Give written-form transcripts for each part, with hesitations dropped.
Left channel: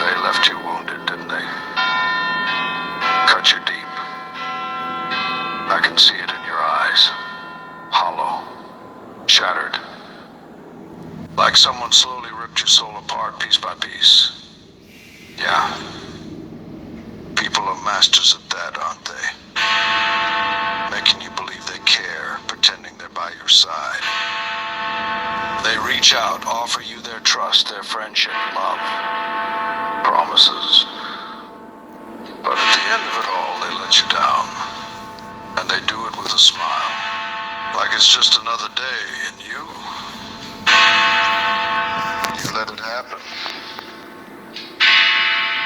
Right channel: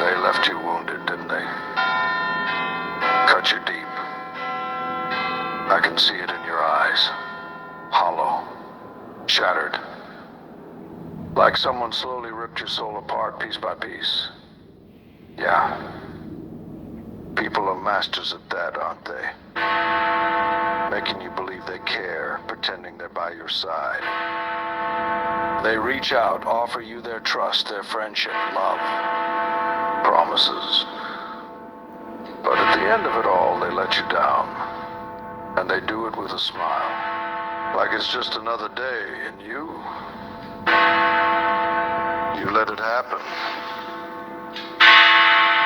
They left you wounded, didn't they? Cut you deep. I can see it in your eyes. Hollow. Shattered. Like someone slowly ripped your soul apart piece by piece. Yeah. People are masters at that, aren't they? Making you believe they care, pretending they're by your side. They reach out, offer you their trust, their friendship, love, promises. But at the end of it all, they let you down. And they do it with a smile. Like it's just another day, and you let it happen.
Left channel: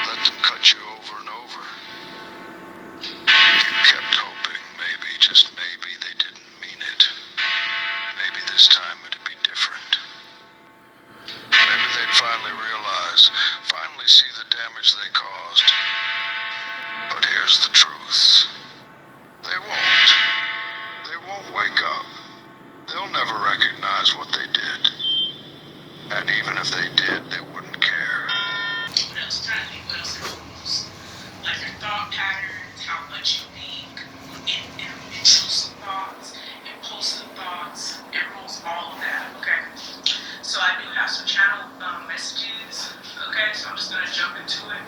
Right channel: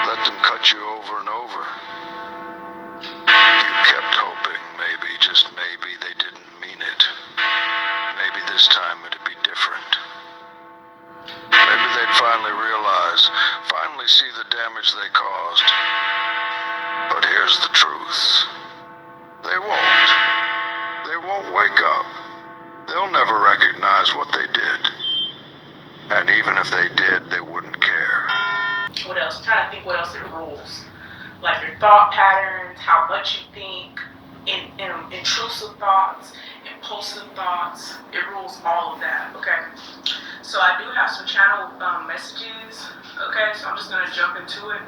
Let them cut you over and over. You kept hoping, maybe, just maybe, they didn't mean it. Maybe this time it'd be different. Maybe they'd finally realize, finally see the damage they caused. But here's the truth. They won't. They won't wake up. They'll never recognize what they did. And even if they did, they wouldn't care. What else? I'm trying to think what else it rules. Like your thought patterns, how much you think, intrusive thoughts, impulsive thoughts. It rules all of that, okay? So I do have some channel messages, okay? So I'm just going to jump into it.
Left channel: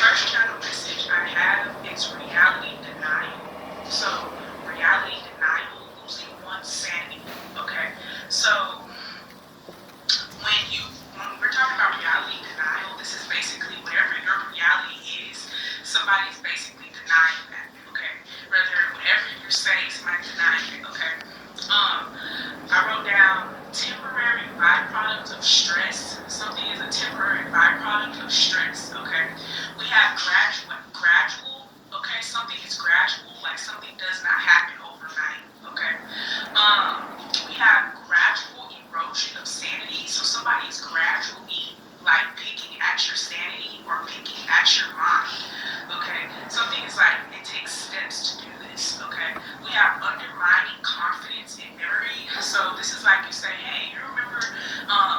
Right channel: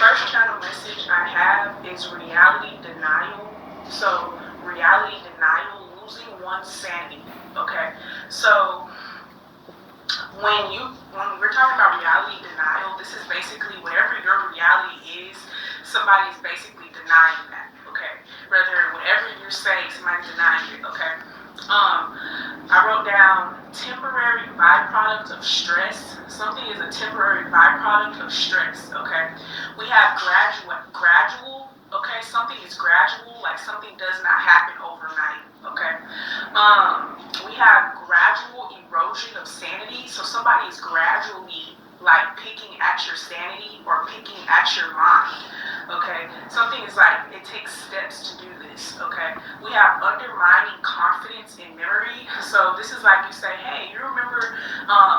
First channel message I have is reality denial. So reality denial, losing one's sanity, okay? So when we're talking about reality denial, this is basically whatever your reality is, somebody's basically denying that, okay? Whether whatever you're saying, somebody's denying it, okay? I wrote down temporary byproduct of stress. Something is a temporary byproduct of stress, okay? We have gradual, okay? Something is gradual, like something does not happen overnight, okay? We have gradual erosion of sanity. So somebody is gradually like picking at your sanity or picking at your mind, okay? Something is like, it takes steps to do this, okay? We have undermining confidence in memory. So this is like you say, hey, you remember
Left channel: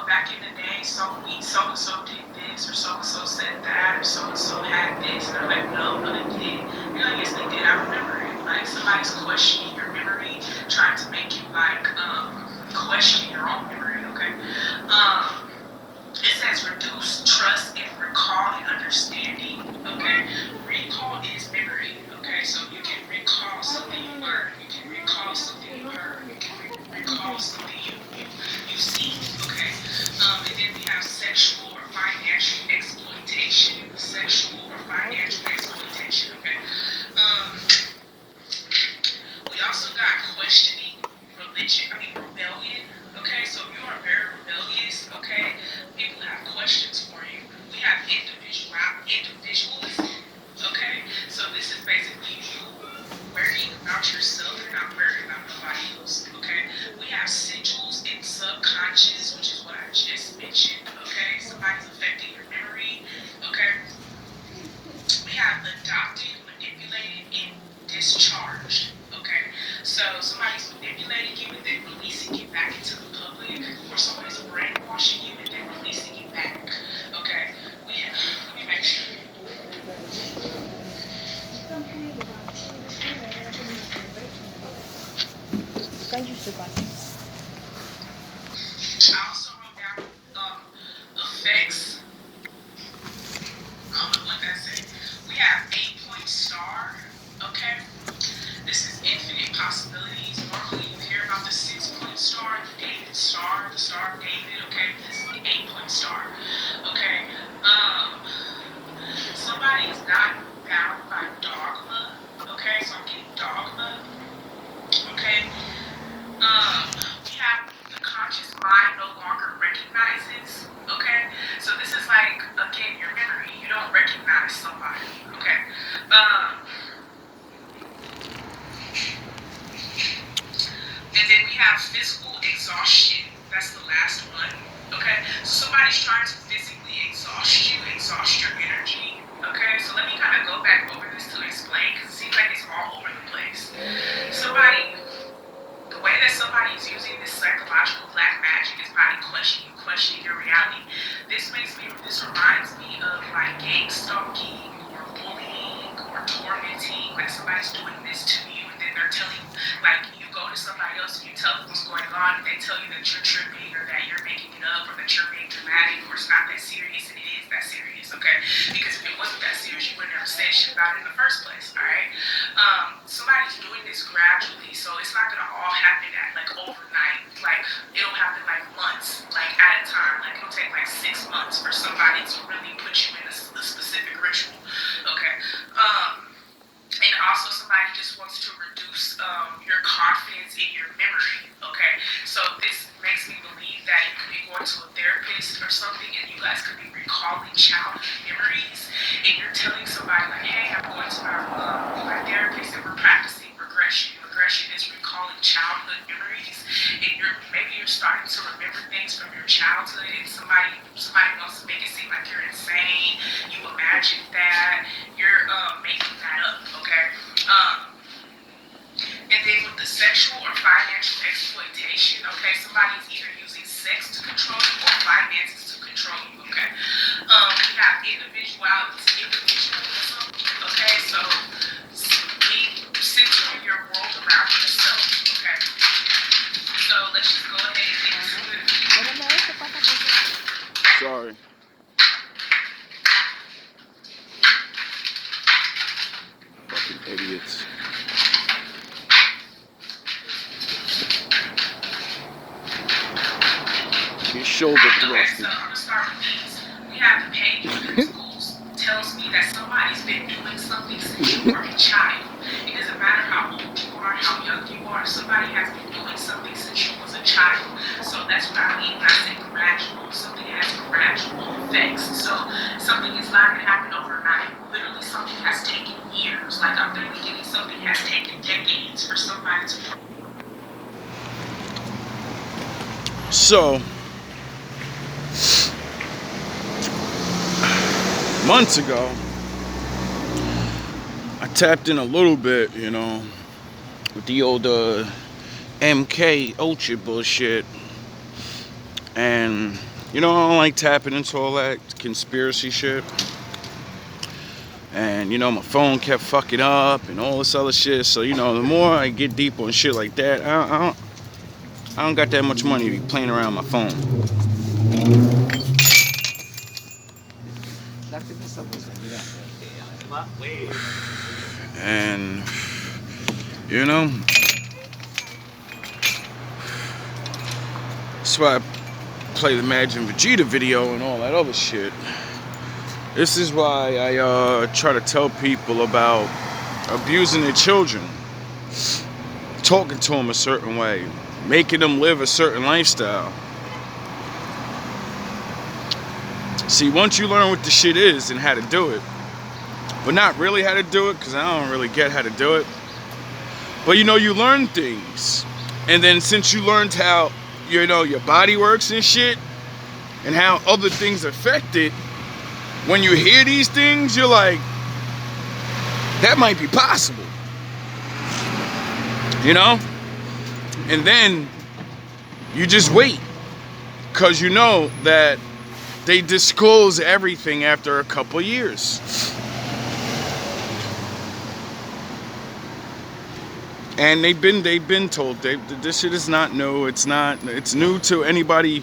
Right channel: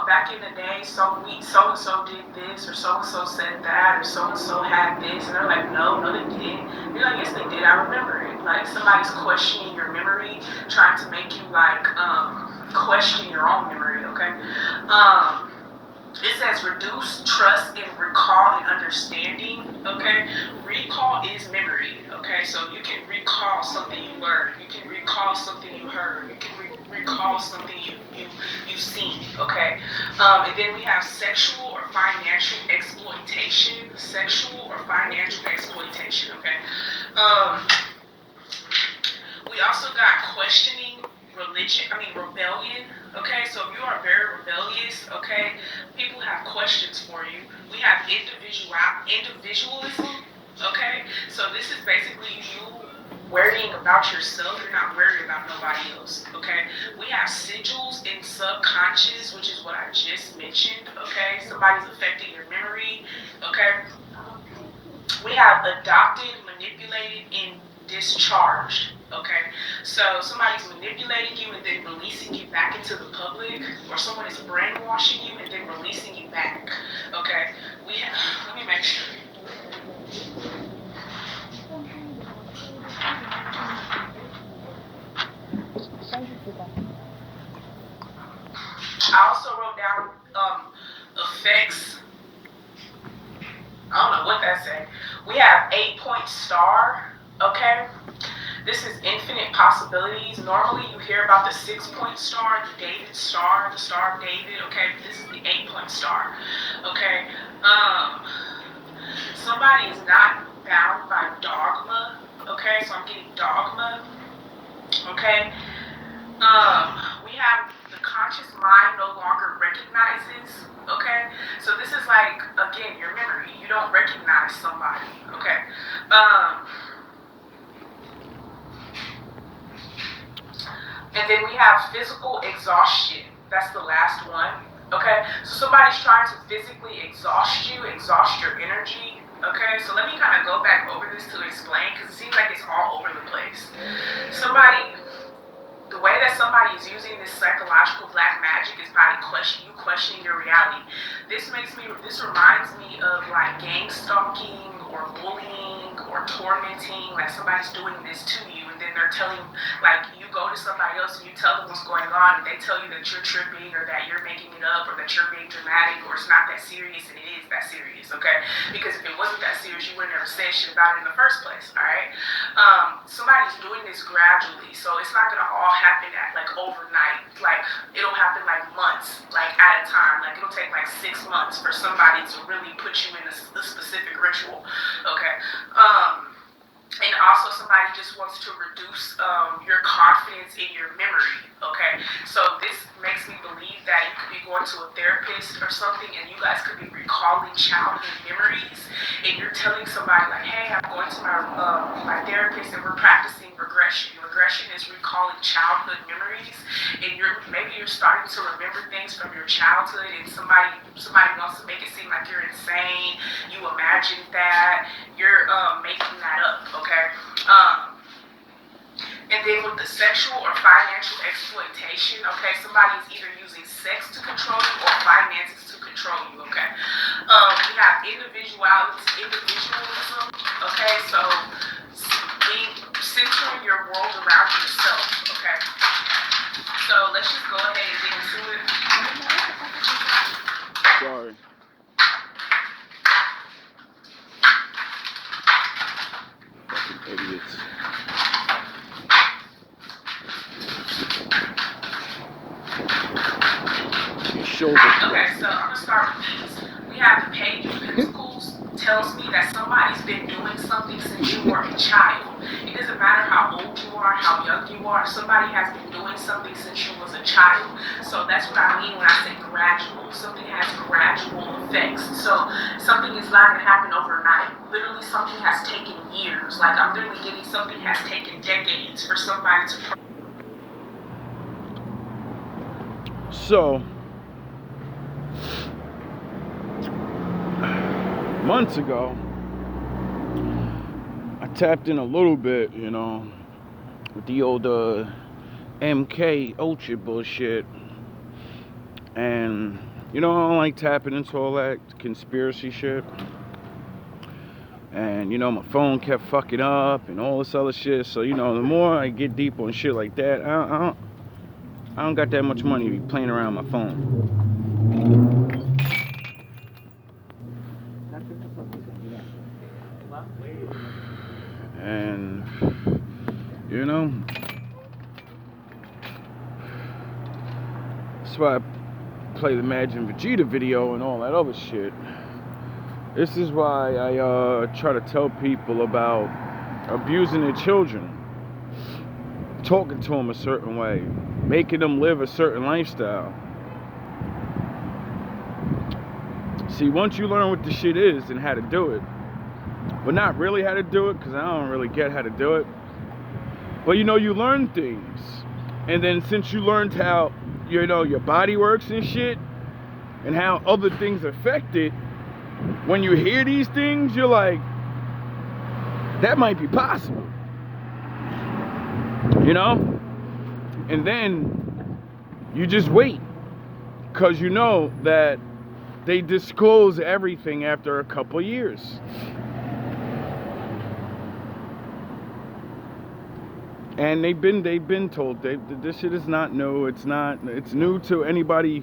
back in the day, so-and-so did this, or so-and-so said that, or so-and-so had this, and they're like, no, they didn't. You're like, yes, they did, I remember it. Like somebody's questioning your memory, trying to make you like question your own memory, okay? It says reduce trust in recall and understanding, okay? Recall is memory, okay? So you can recall something you learned, you can recall something you heard, you can recall something you've seen, okay? And then we have sexual or financial exploitation, okay? We also got questioning rebellion, okay? So if you are very rebellious, okay, people have questions for you. We have individualism, okay? So this is basically you worrying about yourself. You're not worrying about nobody else, okay? We have sigils in subconscious, which is what I just mentioned, okay? Somebody's affecting your memory, okay? We have adopted, manipulated, and discharged, okay? So somebody's manipulating you and then releasing you back into the public, or somebody's brainwashing you and then releasing you back, okay? Let me make sure. I also wrote down effects. I don't know what that said. We have 8-point star, okay? This is infinite possibilities. Normally you hear about the 6-point star, the David star, the Star of David, okay? This is the 8-point star, okay? Somebody is not bound by dogma, okay? So I'm getting dogma, okay? We have the conscious mind no longer recognizes, okay? So this is like, again, your memory. You don't recognize somebody, okay? And then we have physical exhaustion. That's the last one, okay? So somebody's trying to physically exhaust you, exhaust your energy, okay? So let me kind of go back over this to explain, because it seems like it's all over the place. Somebody the way that somebody is using this psychological black magic is probably questioning your reality. This reminds me of like gang stalking or bullying or tormenting, like somebody's doing this to you and then they're telling, like you go to somebody else and you tell them what's going on and they tell you that you're tripping or that you're making it up or that you're being dramatic or it's not that serious, and it is that serious, okay? Because if it wasn't that serious, you wouldn't have said shit about it in the first place, all right? Somebody's doing this gradually, so it's not gonna all happen at like overnight. Like it'll happen like months, like at a time. Like it'll take like 6 months for somebody to really put you in a specific ritual, okay? And also somebody just wants to reduce your confidence in your memory, okay? So this makes me believe that you could be going to a therapist or something and you guys could be recalling childhood memories and you're telling somebody like, hey, I'm going to my therapist and we're practicing regression. Regression is recalling childhood memories and maybe you're starting to remember things from your childhood and somebody wants to make it seem like you're insane, you imagined that, you're making that up, okay? And then with the sexual or financial exploitation, okay, somebody's either using sex to control you or finances to control you, okay? You have individualism, okay? So centering your world around yourself, okay? So let's just go ahead and get into it. Sorry. Fucking idiots. Your shoulder Okay, so I'm gonna start with these. We have the page schools tells me that somebody's been doing something since you were a child. It doesn't matter how old you are, how young you are, somebody has been doing something since you was a child. So that's what I mean when I say gradual. Something has gradual effects. So something is not gonna happen overnight. Literally something has taken years. Like I'm literally getting something has taken decades for somebody to. So, months ago, I tapped in a little bit, you know, with the old MK Ultra bullshit. And, you know, I don't like tapping into all that conspiracy shit. And, you know, my phone kept fucking up and all this other shit. So, you know, the more I get deep on shit like that, I don't got that much money to be playing around my phone. And, you know, that's why I play the Imagine Vegeta video and all that other shit. This is why I try to tell people about abusing their children, talking to them a certain way, making them live a certain lifestyle. See, once you learn what the shit is and how to do it, but not really how to do it, because I don't really get how to do it, but you know, you learn things. And then since you learned how, you know, your body works and shit, and how other things affect it, when you hear these things, you're like, that might be possible. You know? And then you just wait, because you know that they disclose everything after a couple years. And they've been told this shit is not new. It's new to anybody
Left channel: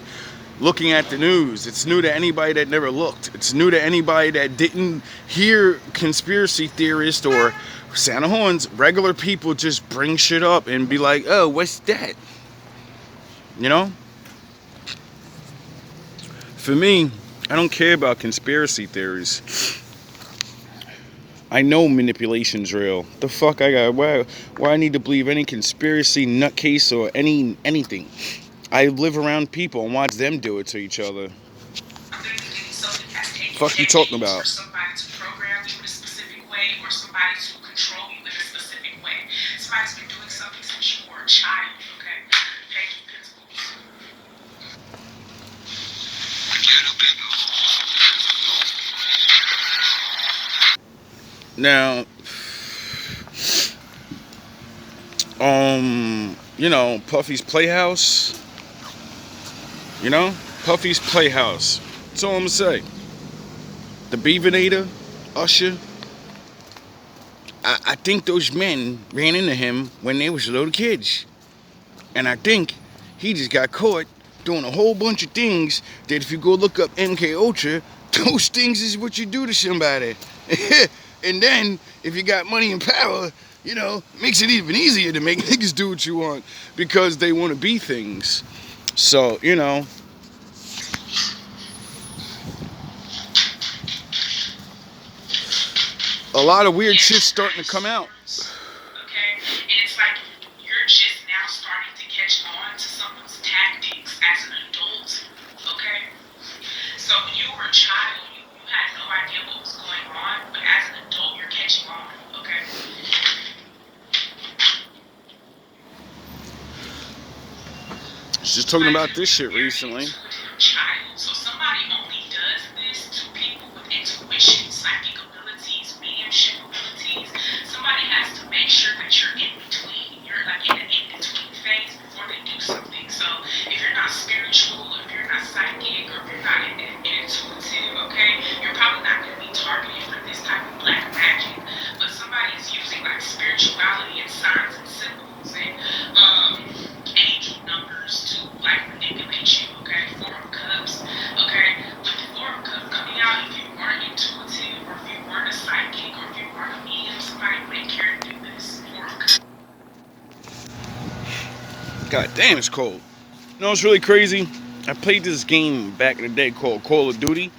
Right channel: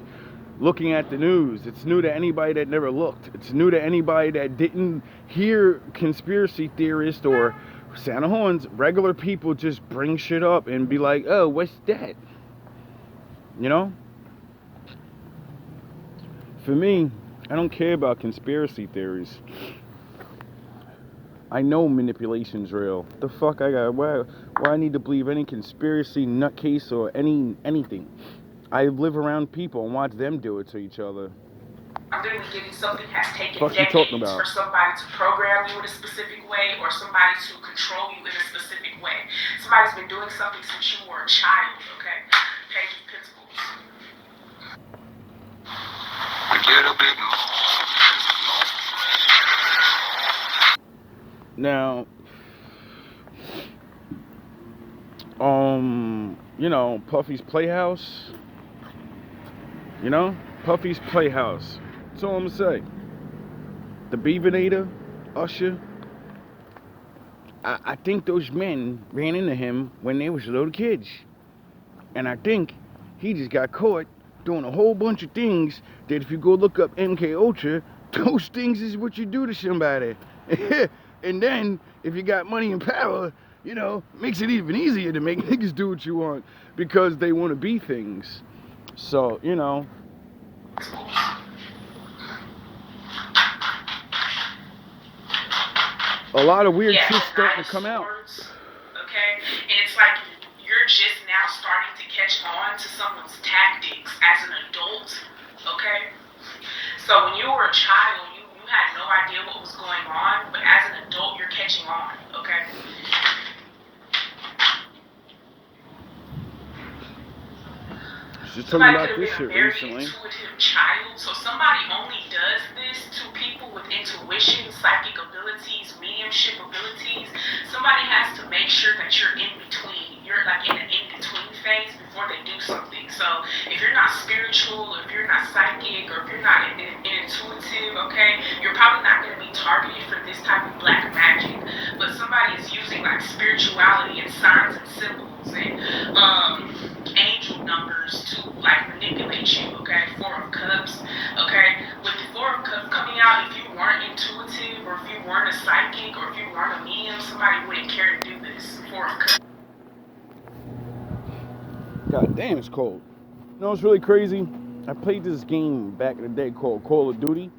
looking at the news. It's new to anybody that never looked. It's new to anybody that didn't hear conspiracy theorists or Santa Horns. Regular people just bring shit up and be like, oh, what's that? You know? For me, I don't care about conspiracy theories. I know manipulation's real. The fuck I got? Why I need to believe any conspiracy nutcase or anything? I live around people and watch them do it to each other. Fuck you talking about? For somebody to program you in a specific way or somebody to control you in a specific way. Somebody's been doing something since you were a child, okay? Page of Pentacles. A little bit more. Now, you know, Puffy's Playhouse. You know, Puffy's Playhouse. That's all I'm gonna say. The Beavernator, Usher. I think those men ran into him when they was little kids. And I think he just got caught doing a whole bunch of things that if you go look up MK Ultra, those things is what you do to somebody. And then, if you got money and power, you know, makes it even easier to make niggas do what you want because they want to be things. So, you know. A lot of weird shit's starting to come out. Okay? And it's like you're just now starting to catch on to someone's tactics as an adult. Okay? So when you were a child, you had no idea what was going on, but as an adult, you're catching on. Okay? She's talking about this shit recently. Child, so somebody only does this to people with intuition, psychic abilities, mediumship abilities. Somebody has to make sure that you're in between. You're like in an in-between phase before they do something. So if you're not spiritual, if you're not psychic, or if you're not intuitive, okay, you're probably not going to be targeted for this type of black magic. But somebody is using like spirituality and signs and symbols and angel numbers to like manipulate you, okay? Four of Cups, okay? With the Four of Cups coming out, if you weren't intuitive, or if you weren't a psychic, or if you weren't a medium, somebody wouldn't care to do this. Four of Cups. God damn, it's cold. You know what's really crazy? I played this game back in the day called Call of Duty,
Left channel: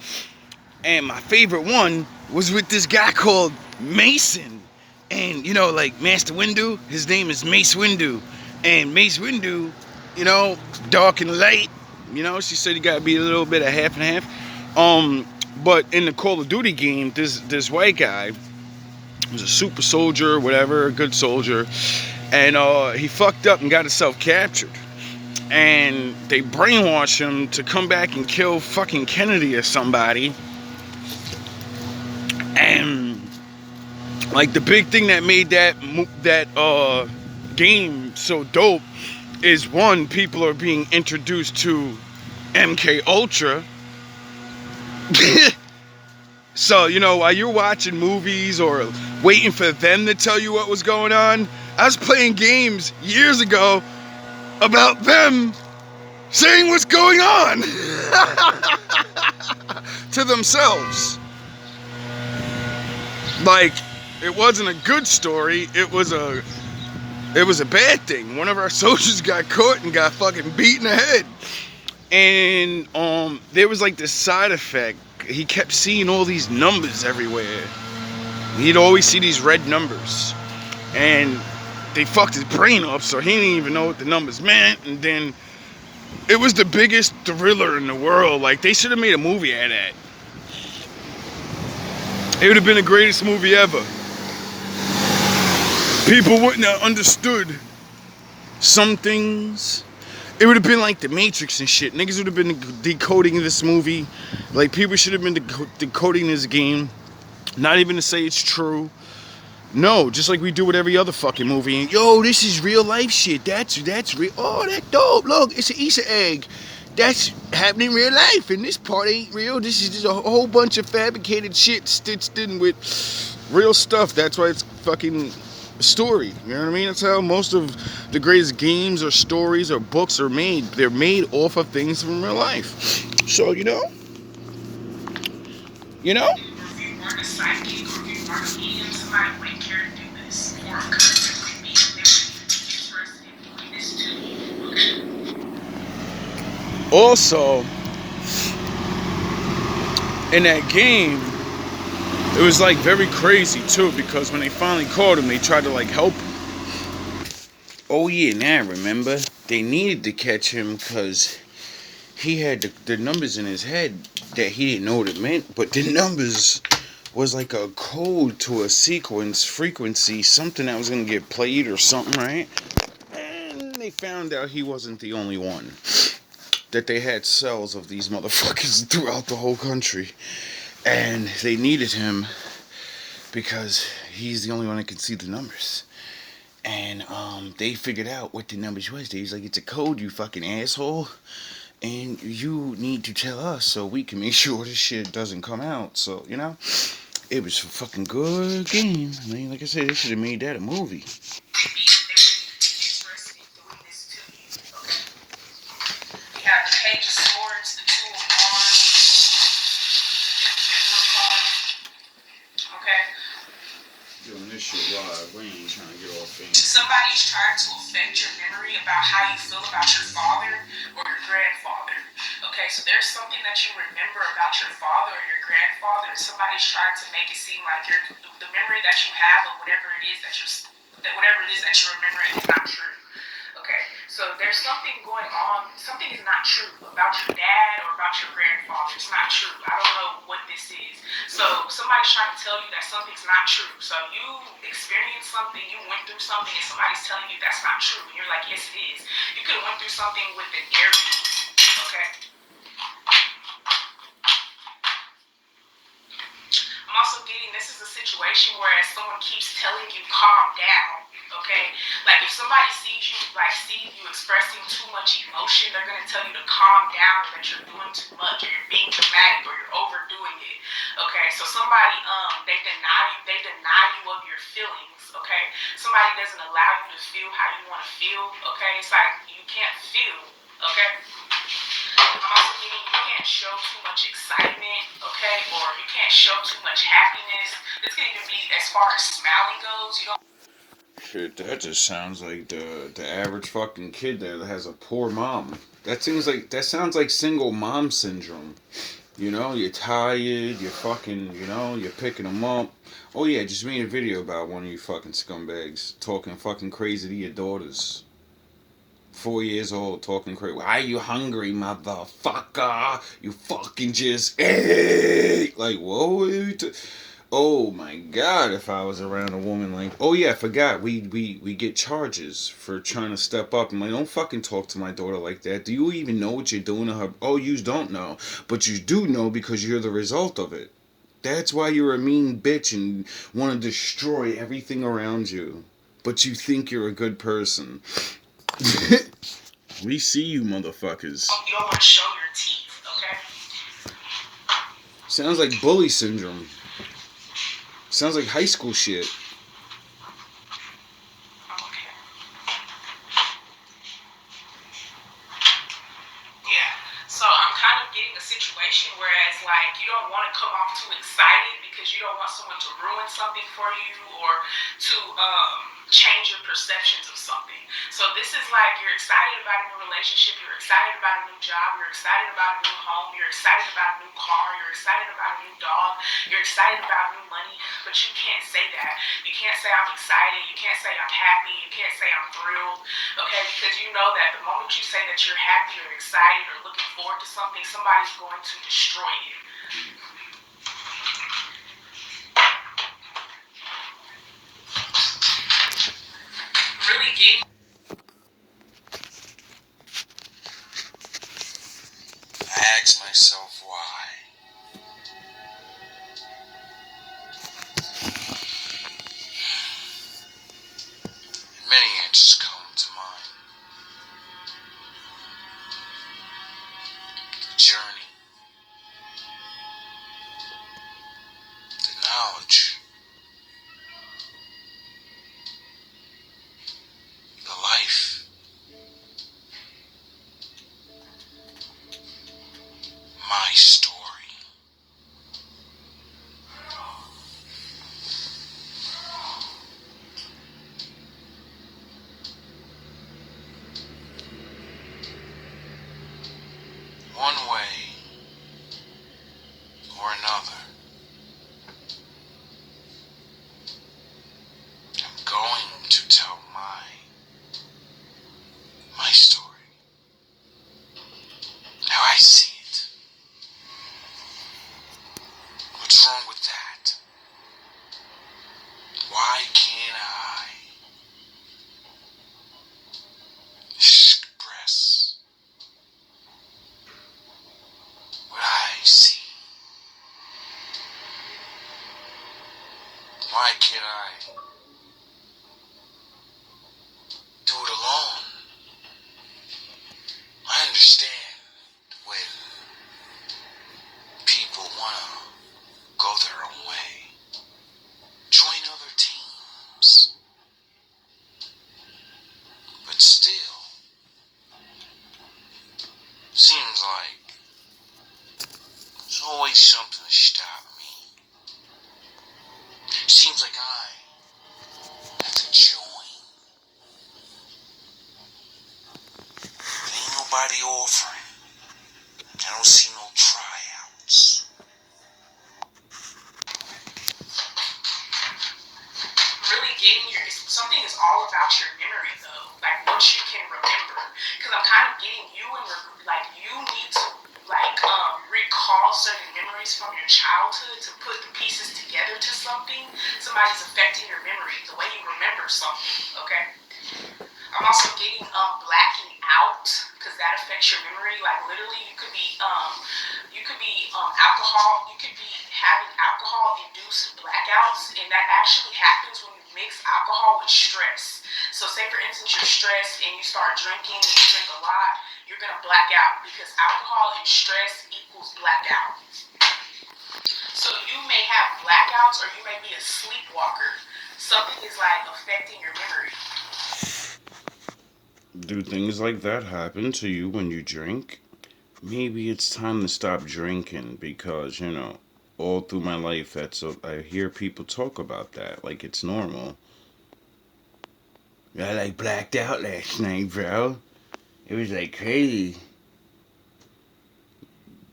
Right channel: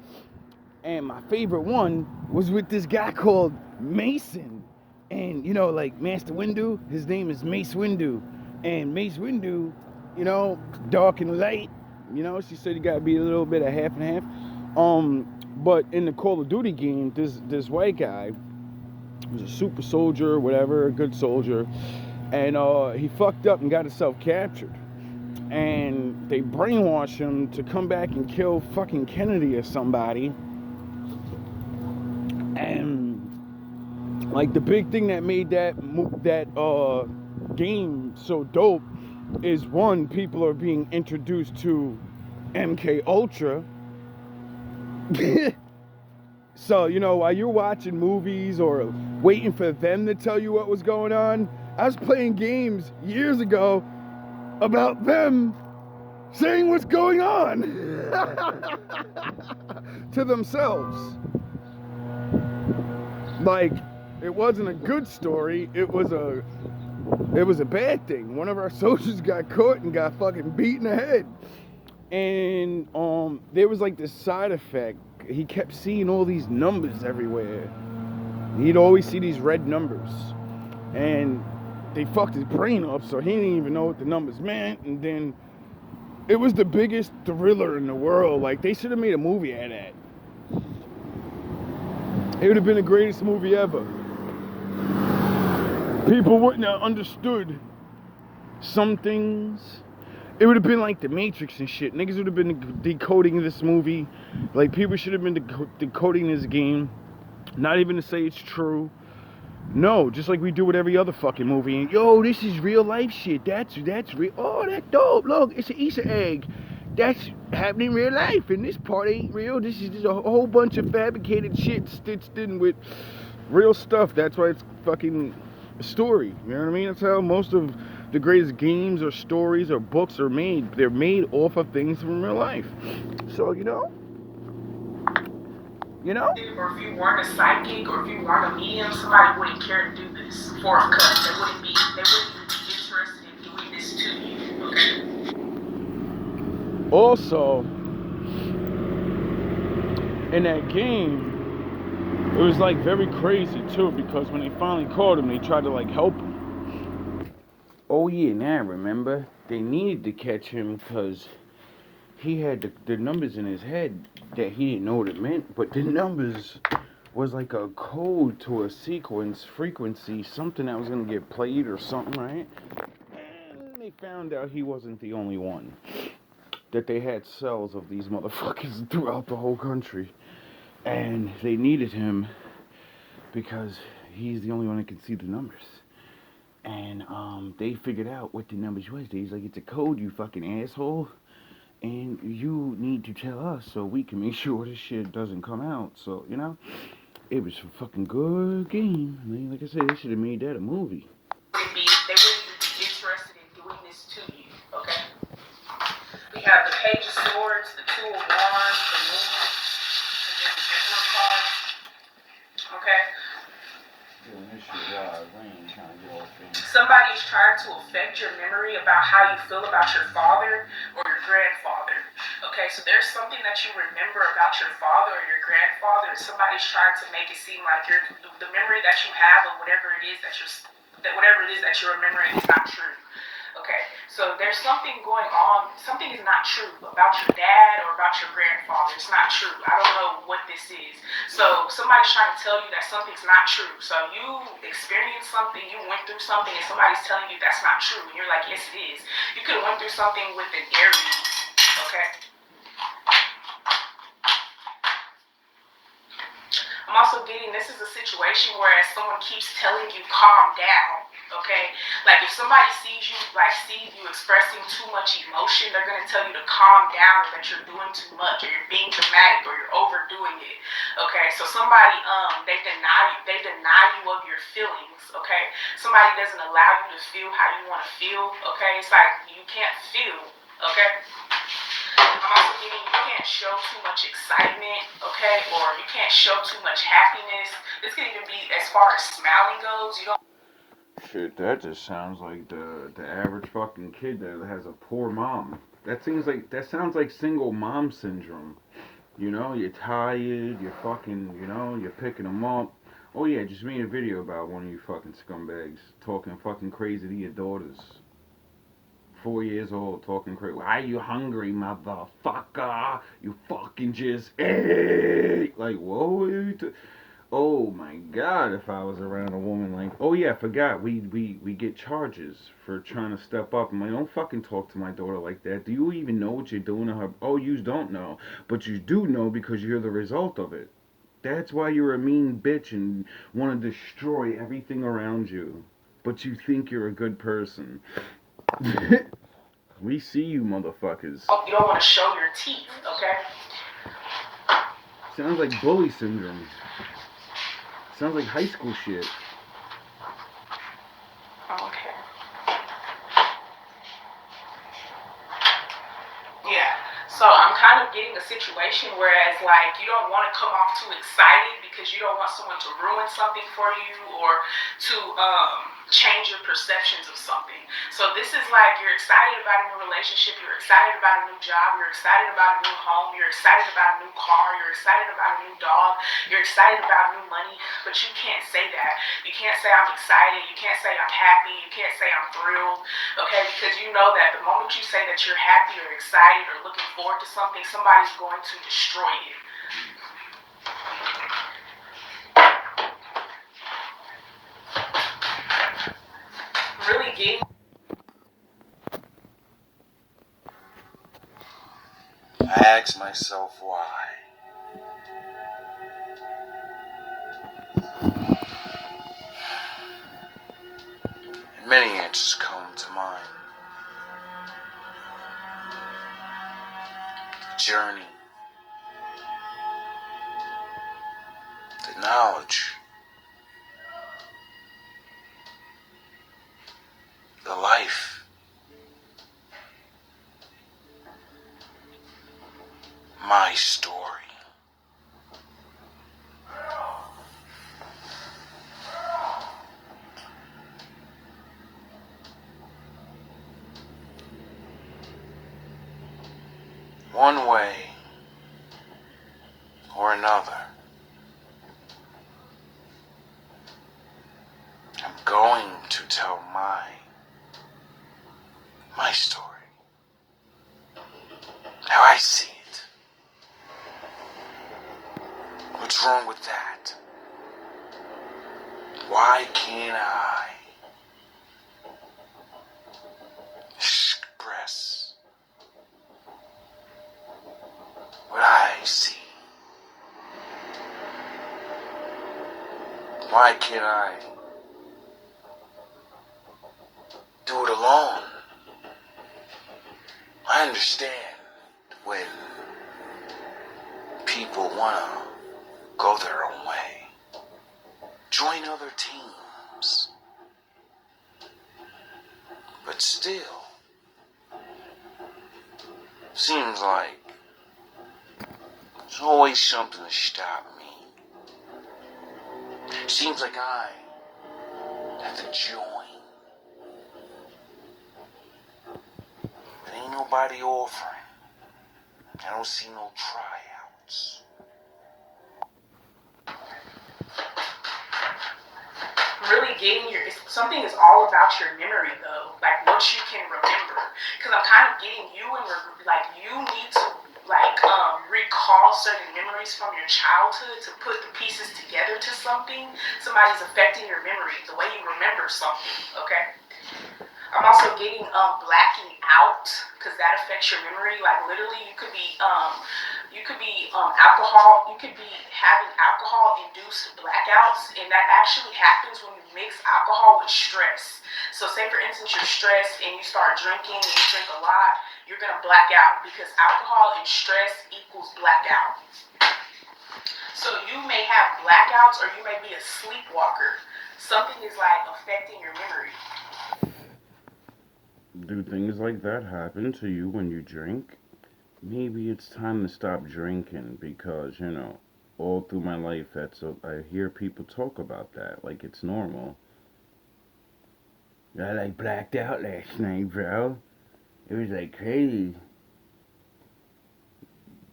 and my favorite one was with this guy called Mason. And, you know, like Master Windu, his name is Mace Windu. And Mace Windu, you know, dark and light. You know, she said you gotta be a little bit of half and half. But in the Call of Duty game, this white guy was a super soldier, whatever, a good soldier, and he fucked up and got himself captured. And they brainwashed him to come back and kill fucking Kennedy or somebody. And like the big thing that made that game so dope is, one, people are being introduced to MK Ultra. So, you know, while you're watching movies or waiting for them to tell you what was going on, I was playing games years ago about them saying what's going on to themselves. Like, it wasn't a good story, it was a bad thing. One of our soldiers got caught and got fucking beat in the head. And there was like this side effect. He kept seeing all these numbers everywhere. He'd always see these red numbers. And they fucked his brain up, so he didn't even know what the numbers meant. And then it was the biggest thriller in the world. Like, they should have made a movie out of that. It would have been the greatest movie ever. People wouldn't have understood some things. It would have been like The Matrix and shit. Niggas would have been decoding this movie. Like, people should have been decoding this game. Not even to say it's true. No, just like we do with every other fucking movie. And, yo, this is real life shit. That's real. Oh, that's dope. Look, it's an Easter egg. That's happening in real life. And this part ain't real. This is just a whole bunch of fabricated shit stitched in with real stuff. That's why it's fucking story. You know what I mean? That's how most of the greatest games or stories or books are made. They're made off of things from real life. So, you know? Or if you weren't a psychic, or if you weren't a medium, somebody wouldn't care to do this. Four of Cups. They wouldn't be interested in doing this to you. Also, in that game, it was like very crazy too, because when they finally caught him, they tried to like help him. Oh yeah, now I remember. They needed to catch him because he had the numbers in his head that he didn't know what it meant, but the numbers was like a code to a sequence, frequency, something that was going to get played or something, right? And they found out he wasn't the only one. That they had cells of these motherfuckers throughout the whole country. And they needed him because he's the only one that could see the numbers. And they figured out what the numbers was. They was like, it's a code, you fucking asshole. And you need to tell us so we can make sure this shit doesn't come out. So, you know, it was a fucking good game. I mean, like I said, they should have made that a movie. They really would be interested in doing this to you, okay? We have the Page of Swords, the Two of Wands, the Moon, and then the Emperor card, okay? Doing this shit live, we ain't trying to get off things. Somebody's trying to affect your memory about how you feel about your father or your grandfather. Okay, so there's something that you remember about your father or your grandfather, and somebody's trying to make it seem like the memory that you have of whatever it is that you're remembering is not true. Okay, so there's something going on. Something is not true about your dad or about your grandfather. It's not true. I don't know what this is. So somebody's trying to tell you that something's not true. So you experienced something, you went through something, and somebody's telling you that's not true. And you're like, yes, it is. You could have went through something with an Aries. Okay. I'm also getting, this is a situation where someone keeps telling you calm down, okay? Like if somebody sees you expressing too much emotion, they're going to tell you to calm down, or that you're doing too much, or you're being dramatic, or you're overdoing it, okay? So somebody, they deny you of your feelings, okay? Somebody doesn't allow you to feel how you want to feel, okay? It's like you can't feel, okay? I'm also getting, you can't show too much excitement, okay, or you can't show too much happiness. This can even be as far as smiling goes. You don't. Shit, that just sounds like the average fucking kid that has a poor mom. That sounds like single mom syndrome. You know, you're tired, you're fucking, you know, you're picking them up. Oh yeah, just made a video about one of you fucking scumbags talking fucking crazy to your daughters. 4 years old, talking crazy. Why are you hungry, motherfucker? You fucking just ate. Like, whoa. Oh my god, if I was around a woman like, oh yeah, I forgot, we get charges for trying to step up. I'm like, don't fucking talk to my daughter like that. Do you even know what you're doing to her? Oh, you don't know. But you do know because you're the result of it. That's why you're a mean bitch and want to destroy everything around you. But you think you're a good person. We see you, motherfuckers. You don't want to show your teeth, okay? Sounds like bully syndrome. Sounds like high school shit. Okay. Yeah. So I'm kind of getting a situation whereas like you don't want to come off too excited because you don't want someone to ruin something for you or to change your perceptions of something. So this is like you're excited about a new relationship, you're excited about a new job, you're excited about a new home, you're excited about a new car, you're excited about a new dog, you're excited about new money, but you can't say that. You can't say I'm excited, you can't say I'm happy, you can't say I'm thrilled, okay? Because you know that the moment you say that you're happy or excited or looking forward to something, somebody's going to destroy it. Really getting. I ask myself why. And many answers come to mind. The journey, the knowledge, the life, my story. One way or another, I'm going to tell my story. How I see it. What's wrong with that? Why can't I express what I see? Why can't I do it alone. I understand when people want to go their own way. Join other teams. But still, seems like there's always something to stop me. Seems like I have to join. Ain't nobody offering. I don't see no tryouts. Really getting something is all about your memory though, like what you can remember. Because I'm kind of getting you and you need to recall certain memories from your childhood to put the pieces together to something. Somebody's affecting your memory, the way you remember something. Okay. I'm also getting blacking out because that affects your memory. Like literally, you could be alcohol. You could be having alcohol-induced blackouts, and that actually happens when you mix alcohol with stress. So, say for instance, you're stressed and you start drinking and you drink a lot, you're gonna black out because alcohol and stress equals blackout. So you may have blackouts, or you may be a sleepwalker. Something is like affecting your memory. Do things like that happen to you when you drink? Maybe it's time to stop drinking because, all through my life, I hear people talk about that like it's normal. I blacked out last night, bro. It was crazy.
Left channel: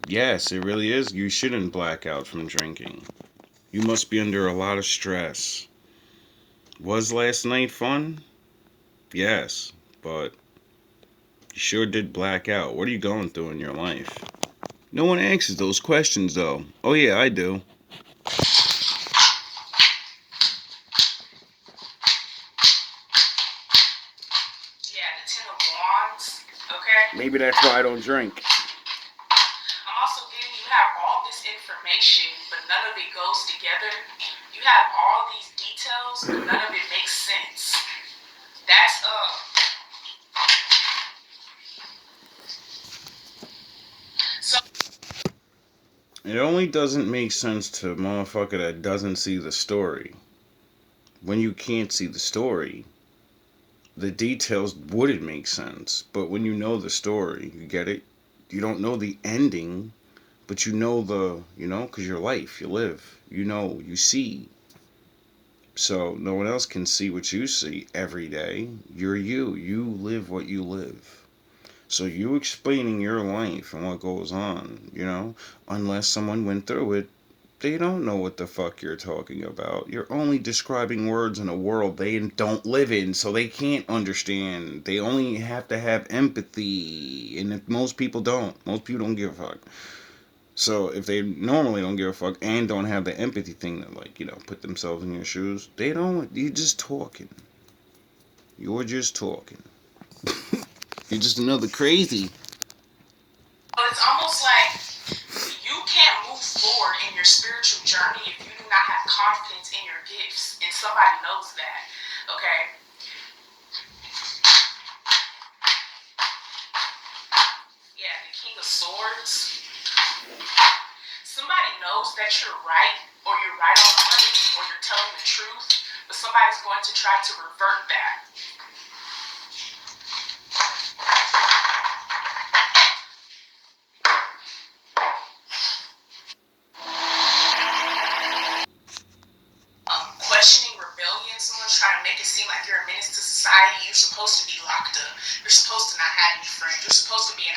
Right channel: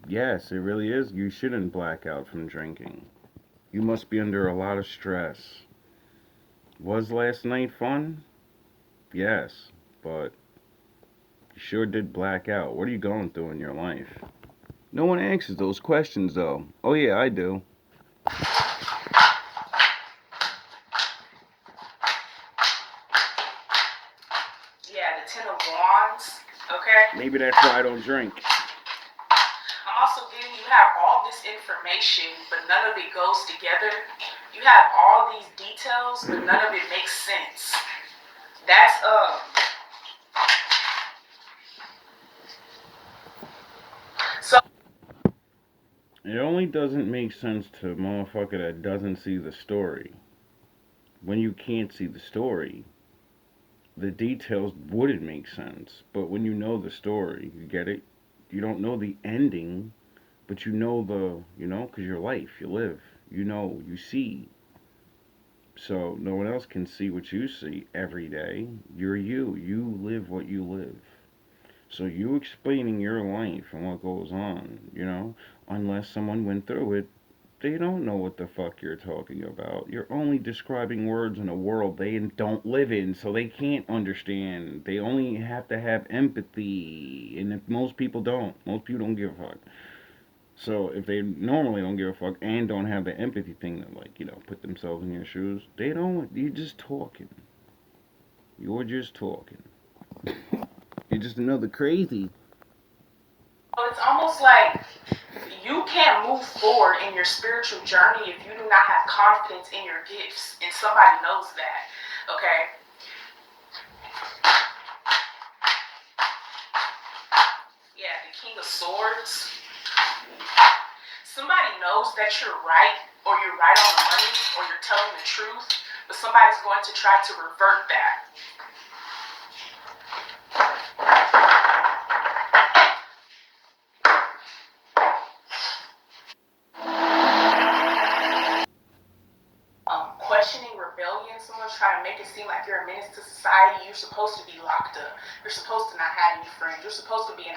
Yes, it really is. You shouldn't black out from drinking. You must be under a lot of stress. Was last night fun? Yes, but you sure did black out. What are you going through in your life? No one answers those questions, though. Oh, yeah, I do. Yeah, the Ten of Wands, okay? Maybe that's why I don't drink. I'm also getting you have all this information, but none of it goes together. You have all these details, but none of it makes sense. That's So It only doesn't make sense to a motherfucker that doesn't see the story. When you can't see the story, the details wouldn't make sense. But when you know the story, you get it? You don't know the ending, but you know because your life, you live, you see. So no one else can see what you see every day. You're you. You live what you live. So you explaining your life and what goes on, unless someone went through it, they don't know what the fuck you're talking about. You're only describing words in a world they don't live in, so they can't understand. They only have to have empathy, and if most people don't give a fuck. So if they normally don't give a fuck and don't have the empathy thing to put themselves in your shoes, they don't. You're just talking. You're just talking. You're just another crazy. it's almost like you can't move forward in your spiritual journey if you do not have confidence in your gifts, and somebody knows that. Okay. Yeah, the King of Swords. Somebody knows that you're right, or you're right on the money, or you're telling the truth, but somebody's going to try to revert that. Questioning rebellion, someone's trying to make it seem like you're a menace to society. You're supposed to be locked up. You're supposed to not have any friends. You're supposed to be an...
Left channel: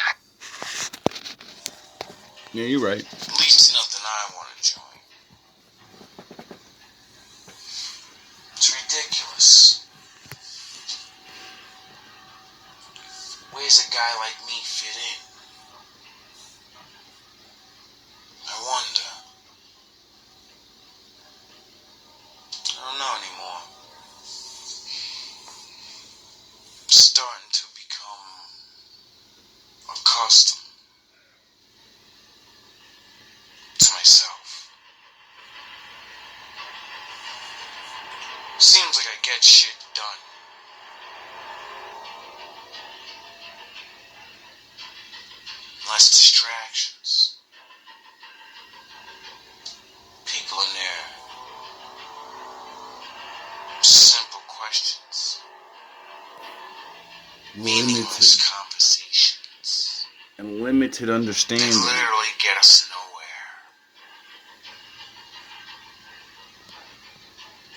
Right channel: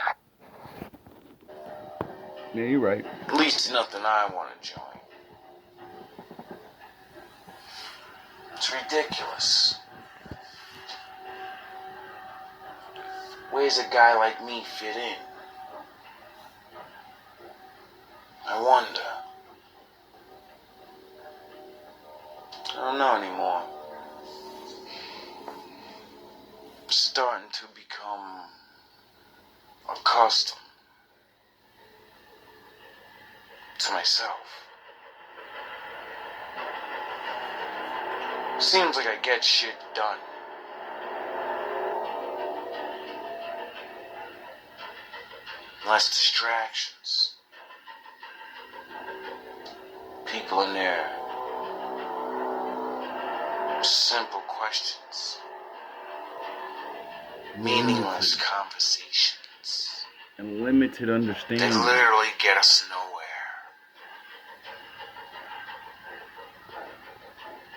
Yeah, you're right. At least it's nothing I want to join. It's ridiculous. Where's a guy like me fit in? I wonder. I don't know anymore. I'm starting to become accustomed to myself. Seems like I get shit done. less distractions. People in there. Simple questions. Meaningless conversations. And limited They understanding. literally get us nowhere.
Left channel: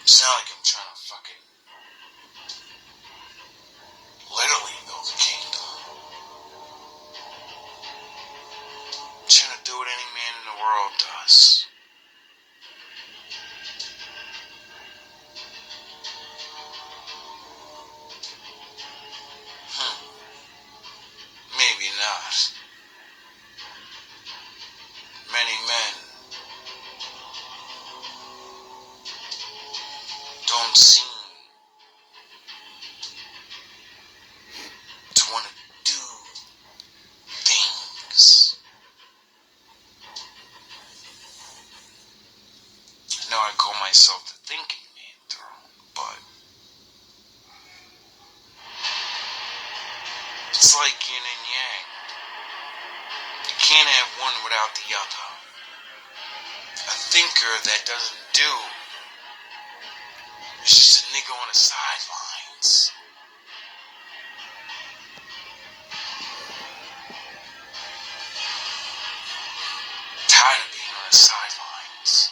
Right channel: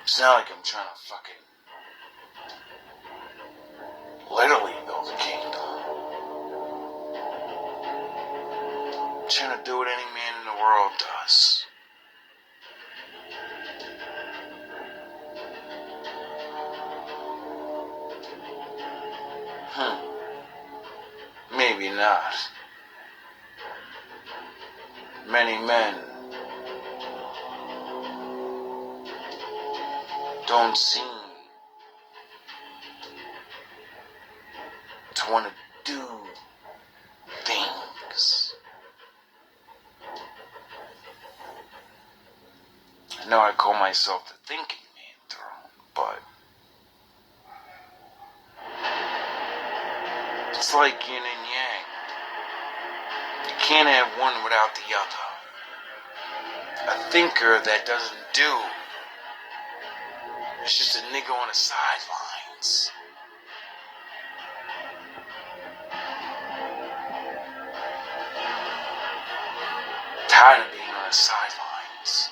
It's not like I'm trying to fucking literally build a kingdom. I'm trying to do what any man in the world does. Maybe not. Many men don't seem to want to do things. I know I call myself the thinking man throne, but it's like yin and yang. You can't have one without the other. A thinker that doesn't do is just a nigga on the sidelines. Tired of being on the sidelines.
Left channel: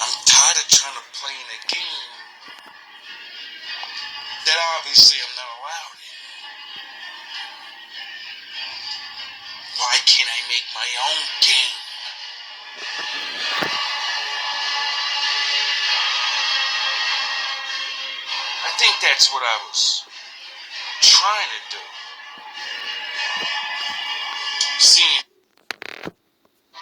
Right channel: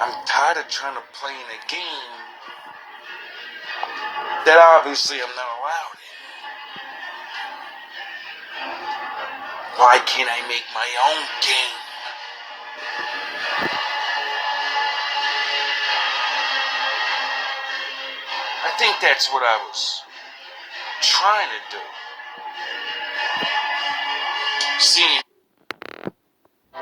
I'm tired of trying to play in a game that obviously I'm not allowed in. Why can't I make my own game? I think that's what I was trying to do. Seeing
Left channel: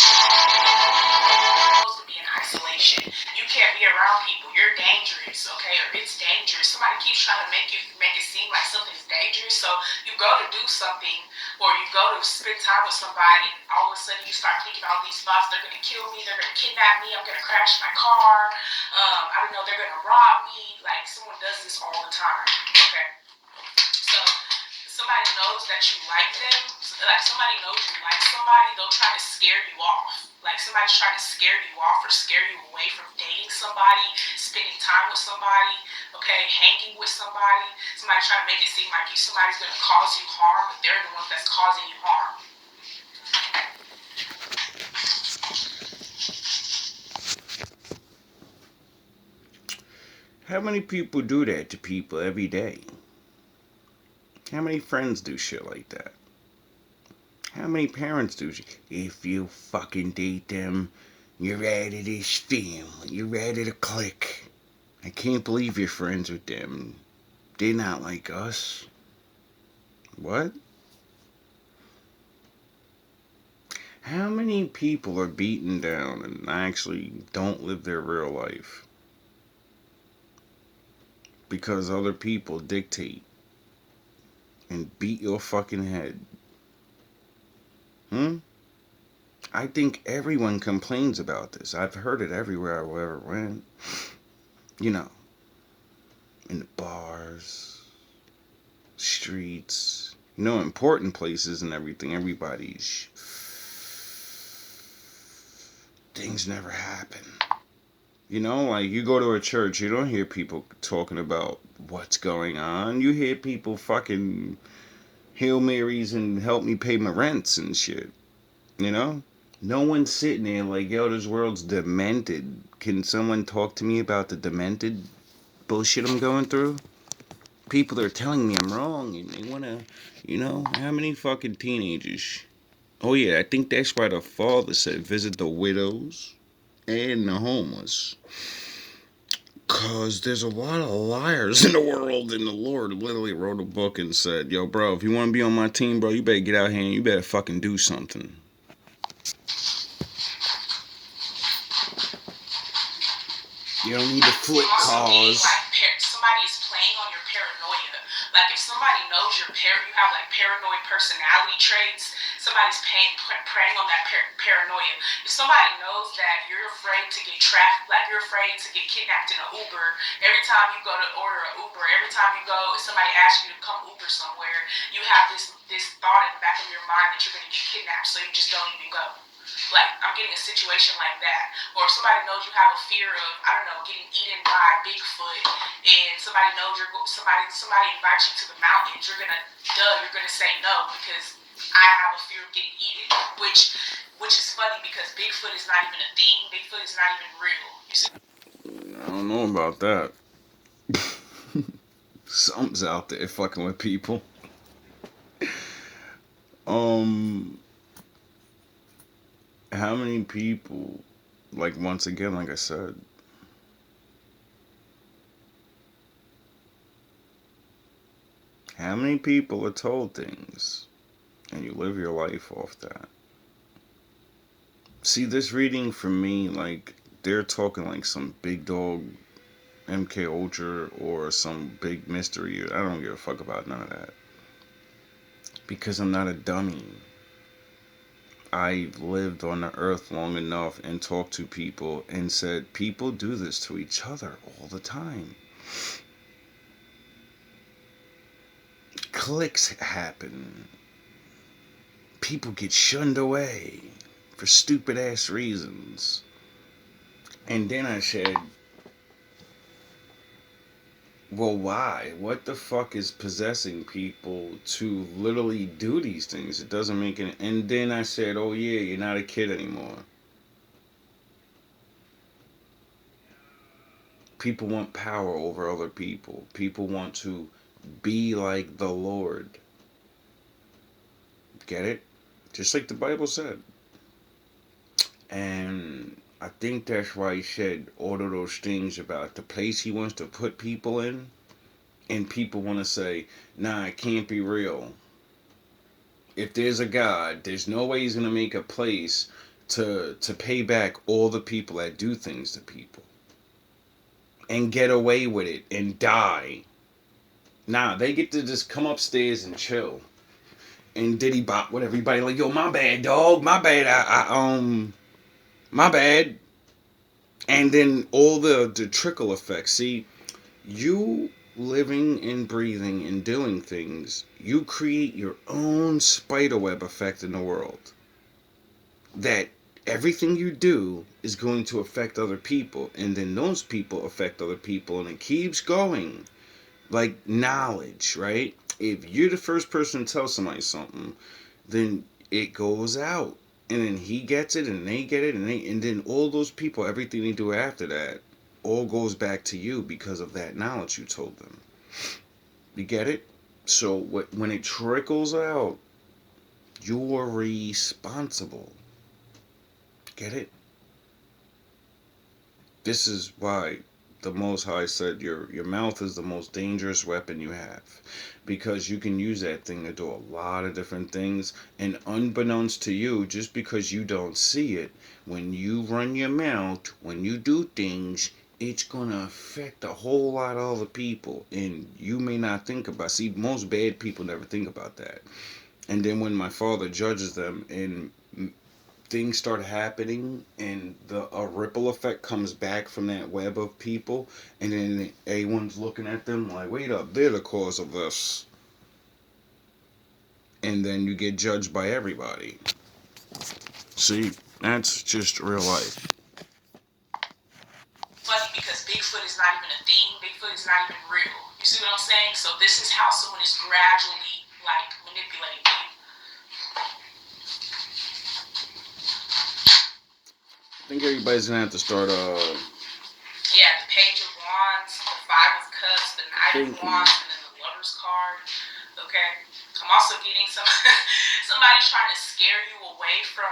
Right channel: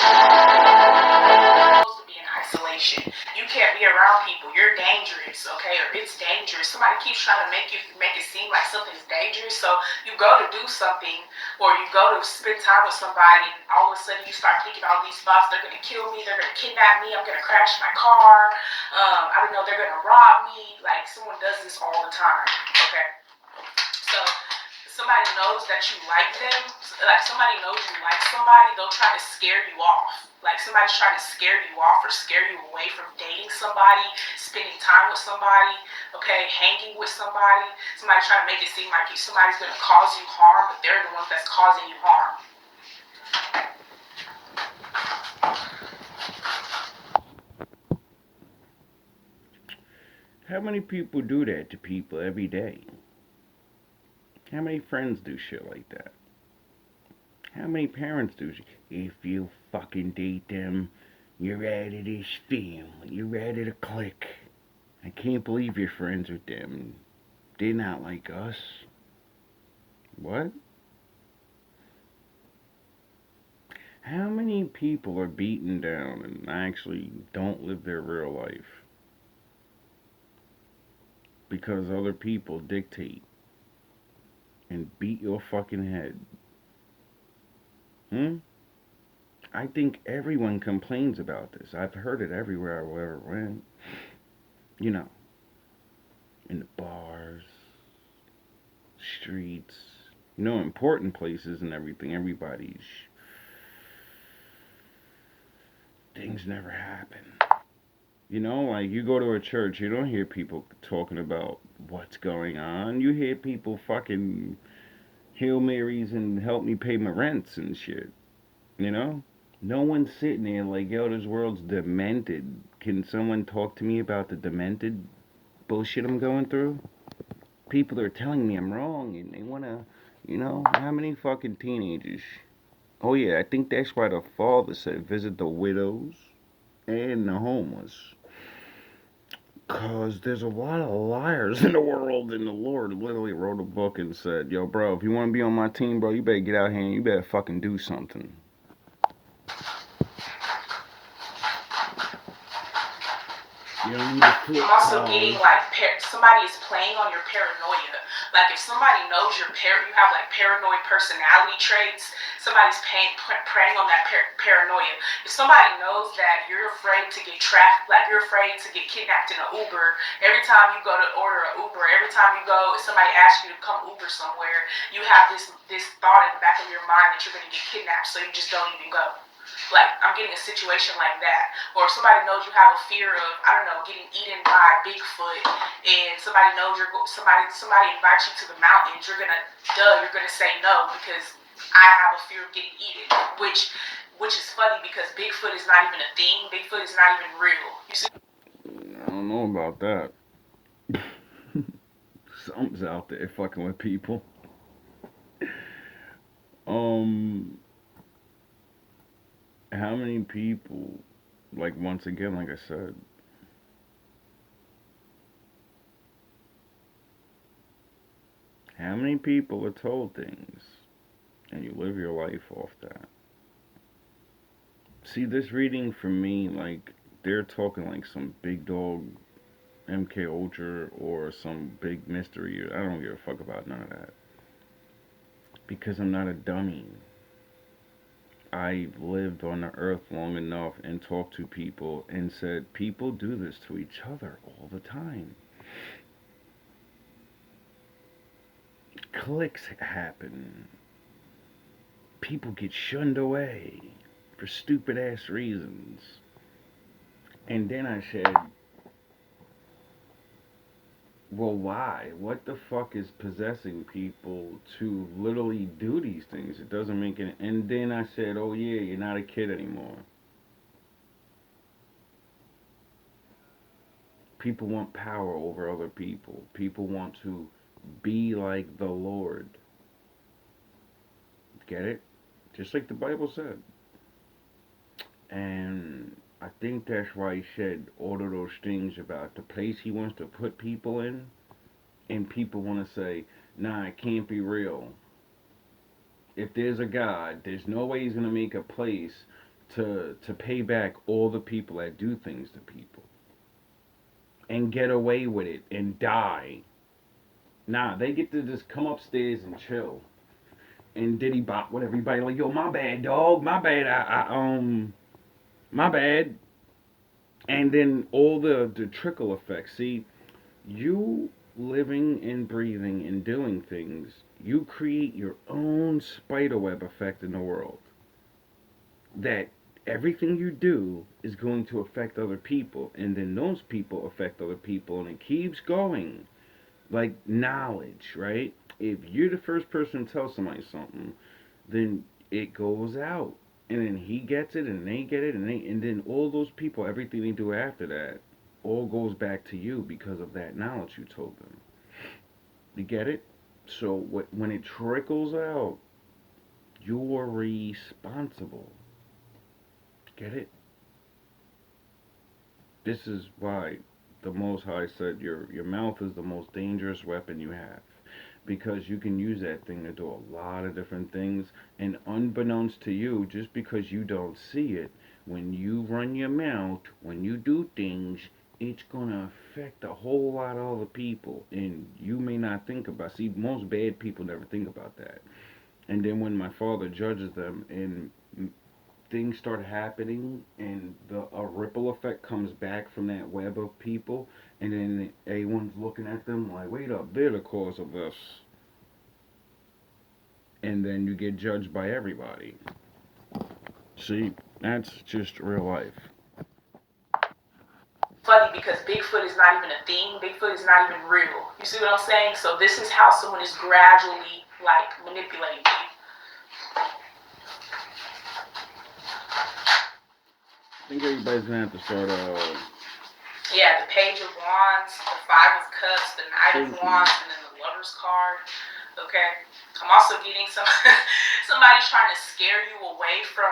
Supposed to be in isolation. You can't be around people. You're dangerous, okay? Or it's dangerous. Somebody keeps trying to make it seem like something's dangerous. So you go to do something, or you go to spend time with somebody, and all of a sudden you start thinking all these thoughts. They're gonna kill me. They're gonna kidnap me. I'm gonna crash my car. I don't know. They're gonna rob me. Like someone does this all the time. Okay. So somebody knows that you like them, like somebody knows you like somebody, they'll try to scare you off. Like somebody's trying to scare you off or scare you away from dating somebody, spending time with somebody, okay, hanging with somebody. Somebody's trying to make it seem like somebody's going to cause you harm, but they're the ones that's causing you harm. How many people do that to people every day? How many friends do shit like that? How many parents do shit? If you fucking date them, you're out of this family. You're out of the clique. I can't believe you're friends with them. They're not like us. What? How many people are beaten down and actually don't live their real life? Because other people dictate and beat your fucking head. I think everyone complains about this. I've heard it everywhere I ever went. You know, in the bars, streets, you know, important places and everything. Everybody's things never happen. You know, like you go to a church, you don't hear people talking about what's going on. You hear people fucking Hail Marys and help me pay my rents and shit. You know? No one's sitting there like, yo, this world's demented. Can someone talk to me about the demented bullshit I'm going through? People are telling me I'm wrong and they want to, you know, how many fucking teenagers? Oh, yeah, I think that's why the father said visit the widows and the homeless. Because there's a lot of liars in the world, and the Lord literally wrote a book and said, yo, bro, if you want to be on my team, bro, you better get out here and you better fucking do something. You don't need to flip Also cars. being like somebody is playing on your paranoia. Like if somebody knows you have like paranoid personality traits, somebody's preying on that paranoia. If somebody knows that you're afraid to get trapped, like you're afraid to get kidnapped in an Uber, every time you go to order an Uber, every time you go, if somebody asks you to come Uber somewhere, you have this thought in the back of your mind that you're going to get kidnapped, so you just don't even go. Like, I'm getting a situation like that. Or if somebody knows you have a fear of, I don't know, getting eaten by Bigfoot, and somebody knows somebody invites you to the mountains, you're gonna say no because I have a fear of getting eaten. Which is funny because Bigfoot is not even a thing. Bigfoot is not even real. You see? I don't know about that. Something's out there fucking with people. How many people, like, once again, like I said, how many people are told things and you live your life off that? See, this reading for me, like, they're talking like some big dog MK Ultra or some big mystery. I don't give a fuck about none of that. Because I'm not a dummy. I lived on the earth long enough and talked to people and said, people do this to each other all the time. Cliques happen. People get shunned away for stupid ass reasons. And then I said, well, why? What the fuck is possessing people to literally do these things? It doesn't make any... And then I said, oh yeah, you're not a kid anymore. People want power over other people. People want to be like the Lord. Get it? Just like the Bible said. And I think that's why he said all of those things about the place he wants to put people in. And people want to say, nah, it can't be real. If there's a God, there's no way he's going to make a place to pay back all the people that do things to people. And get away with it and die. Nah, they get to just come upstairs and chill. And diddy bop with everybody like, yo, my bad, dog. My bad. My bad. And then all the trickle effects. See, you living and breathing and doing things, you create your own spiderweb effect in the world. That everything you do is going to affect other people, and then those people affect other people, and it keeps going. Like knowledge, right? If you're the first person to tell somebody something, then it goes out. And then he gets it, and they get it, and then all those people, everything they do after that, all goes back to you because of that knowledge you told them. You get it? So when it trickles out, you're responsible. Get it? This is why the Most High said your mouth is the most dangerous weapon you have. Because you can use that thing to do a lot of different things. And unbeknownst to you, just because you don't see it, when you run your mouth, when you do things, it's going to affect a whole lot of other people. And you may not think about... See, most bad people never think about that. And then when my father judges them and things start happening and a ripple effect comes back from that web of people, and then everyone's looking at them like, wait up, they're the cause of this. And then you get judged by everybody. See, that's just real life. Funny because Bigfoot is not even a thing. Bigfoot is not even real. You see what I'm saying? So this is how someone is gradually like manipulating you. I think everybody's gonna have to start Yeah, the Page of Wands, the Five of Cups, the Knight of Wands, and then the Lover's card. Okay, I'm also getting some somebody's trying to scare you away from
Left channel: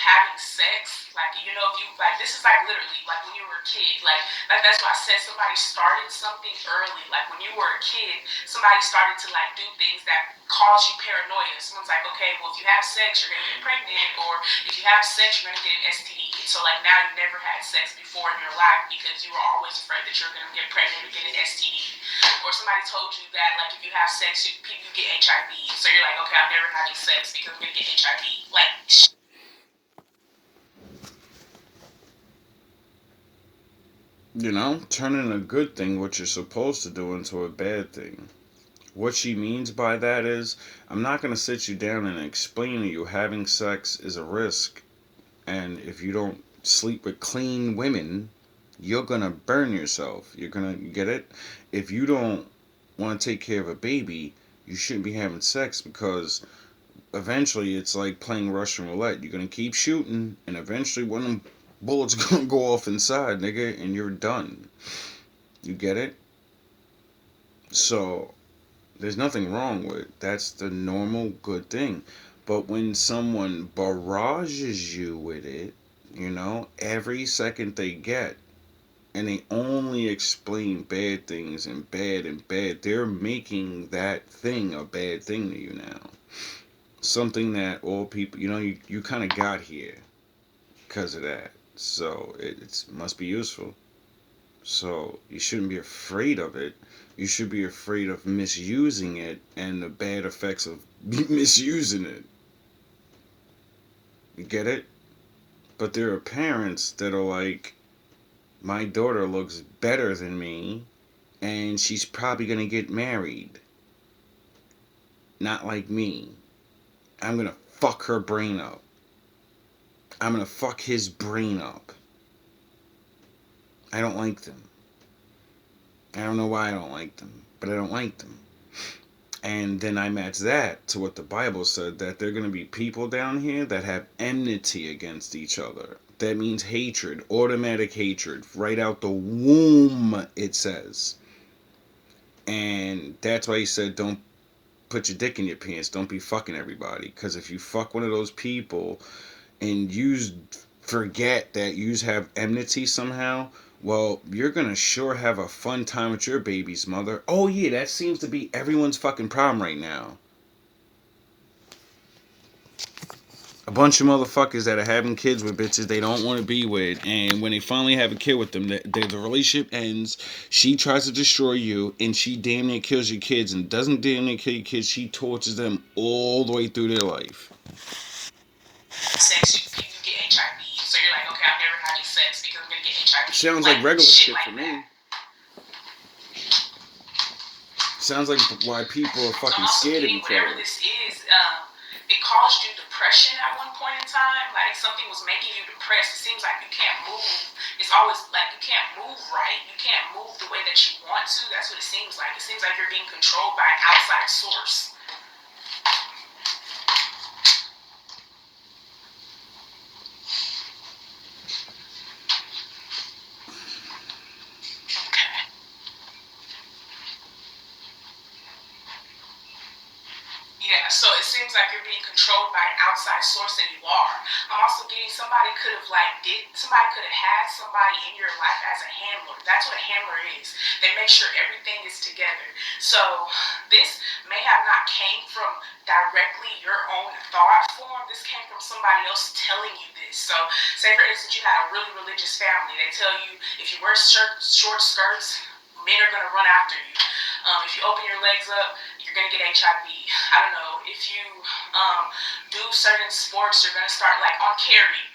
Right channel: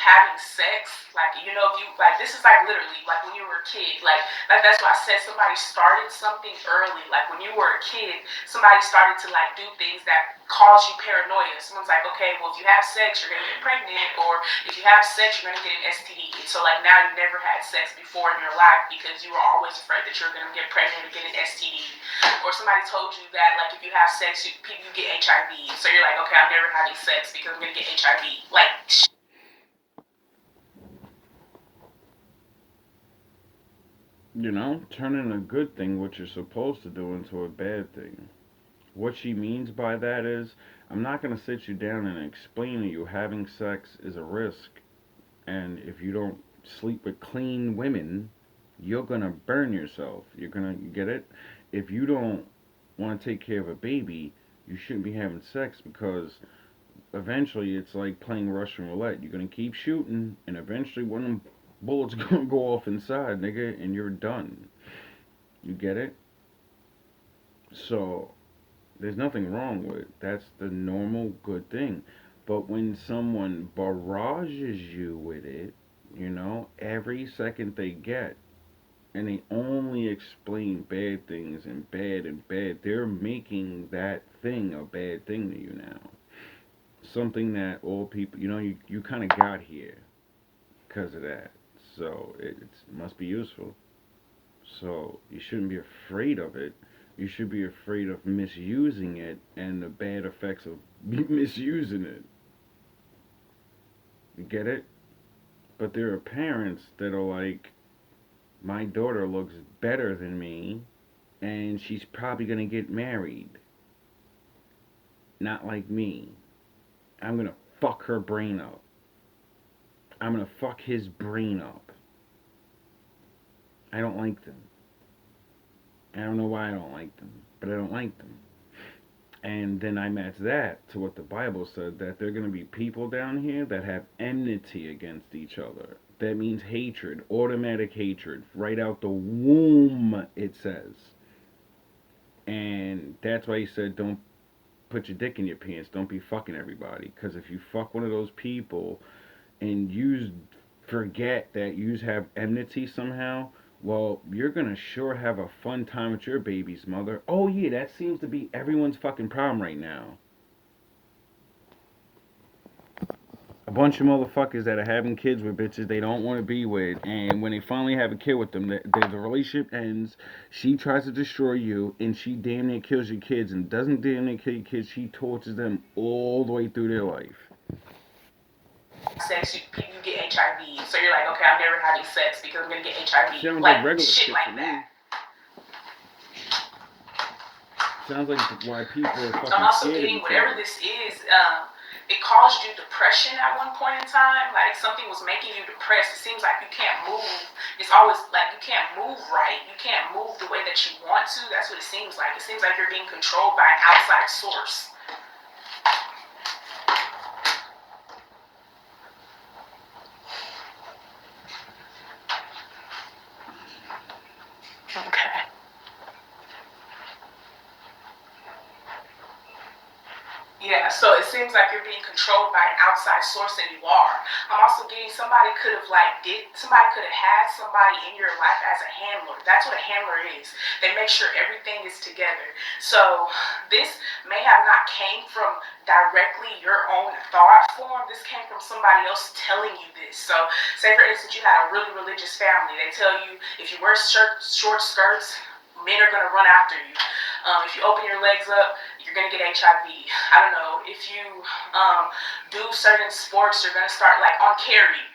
having sex, like, you know, if you, like, this is like literally like when you were a kid, like that's why I said somebody started something early. Like when you were a kid, somebody started to like do things that cause you paranoia. Someone's like, okay, well, if you have sex, you're gonna get pregnant, or if you have sex, you're gonna get an STD. And so like now you never had sex before in your life because you were always afraid that you're gonna get pregnant and get an STD. Or somebody told you that like if you have sex, you get HIV. So you're like, okay, I'm never having sex because I'm gonna get HIV. Like. You know, turning a good thing, what you're supposed to do, into a bad thing. What she means by that is, I'm not going to sit you down and explain to you having sex is a risk. And if you don't sleep with clean women, you're going to burn yourself. You're going to get it? If you don't want to take care of a baby, you shouldn't be having sex, because eventually it's like playing Russian roulette. You're going to keep shooting, and eventually one of them bullets going to go off inside, nigga, and you're done. You get it? So there's nothing wrong with it. That's the normal good thing. But when someone barrages you with it, you know, every second they get, and they only explain bad things and bad, they're making that thing a bad thing to you now. Something that all people, you know, you kind of got here because of that. So it must be useful. So you shouldn't be afraid of it. You should be afraid of misusing it and the bad effects of misusing it. You get it? But there are parents that are like, my daughter looks better than me, and she's probably going to get married. Not like me. I'm going to fuck her brain up. I'm going to fuck his brain up. I don't like them. I don't know why I don't like them, but I don't like them. And then I match that to what the Bible said, that there are going to be people down here that have enmity against each other. That means hatred, automatic hatred, right out the womb, it says. And that's why he said, don't put your dick in your pants. Don't be fucking everybody. Because if you fuck one of those people and you forget that you have enmity somehow, well, you're gonna sure have a fun time with your baby's mother. Oh yeah, that seems to be everyone's fucking problem right now. A bunch of motherfuckers that are having kids with bitches they don't want to be with, and when they finally have a kid with them, the relationship ends. She tries to destroy you, and she damn near kills your kids, and doesn't damn near kill your kids. She tortures them all the way through their life. Sex, you get HIV. So you're like, okay, I'm never having sex because I'm gonna get HIV. Sounds like regular shit like for me. Sounds like why people are fucking scared of each other. Whatever this is, it caused you depression at one point in time. Like something was making you depressed. It seems like you can't move. It's always like you can't move right. You can't move the way that you want to. That's what it seems like. It seems like you're being controlled by an outside source. Okay. Yeah, so it seems like you're being controlled by an outside source, and you are. I'm also getting somebody could have had somebody in your life as a handler. That's what a handler is. They make sure everything is together. So this may have not came from directly your own thought form. This came from somebody else telling you this. So say for instance you had a really religious family. They tell you if you wear short skirts, men are going to run after you. If you open your legs up, you're going to get HIV. I don't know. If you do certain sports, you're going to start, like on Carrie.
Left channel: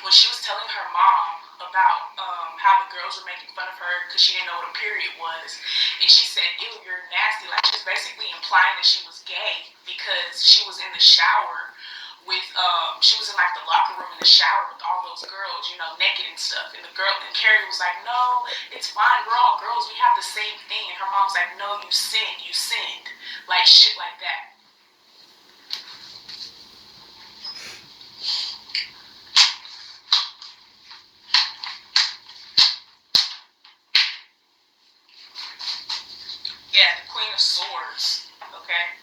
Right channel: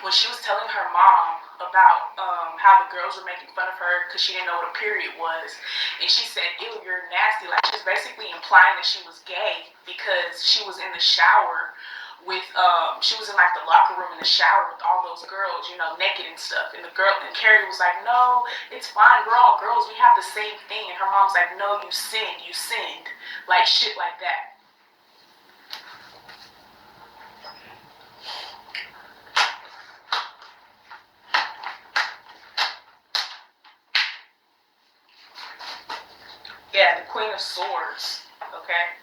When she was telling her mom about how the girls were making fun of her because she didn't know what a period was. And she said, ew, you're nasty. Like, she was basically implying that she was gay because she was in the shower with she was in like the locker room in the shower with all those girls, you know, naked and stuff. And Carrie was like, no, it's fine, we're all girls, we have the same thing. And her mom's like, no, you sinned. Like shit like that. Yeah, the Queen of Swords. Okay.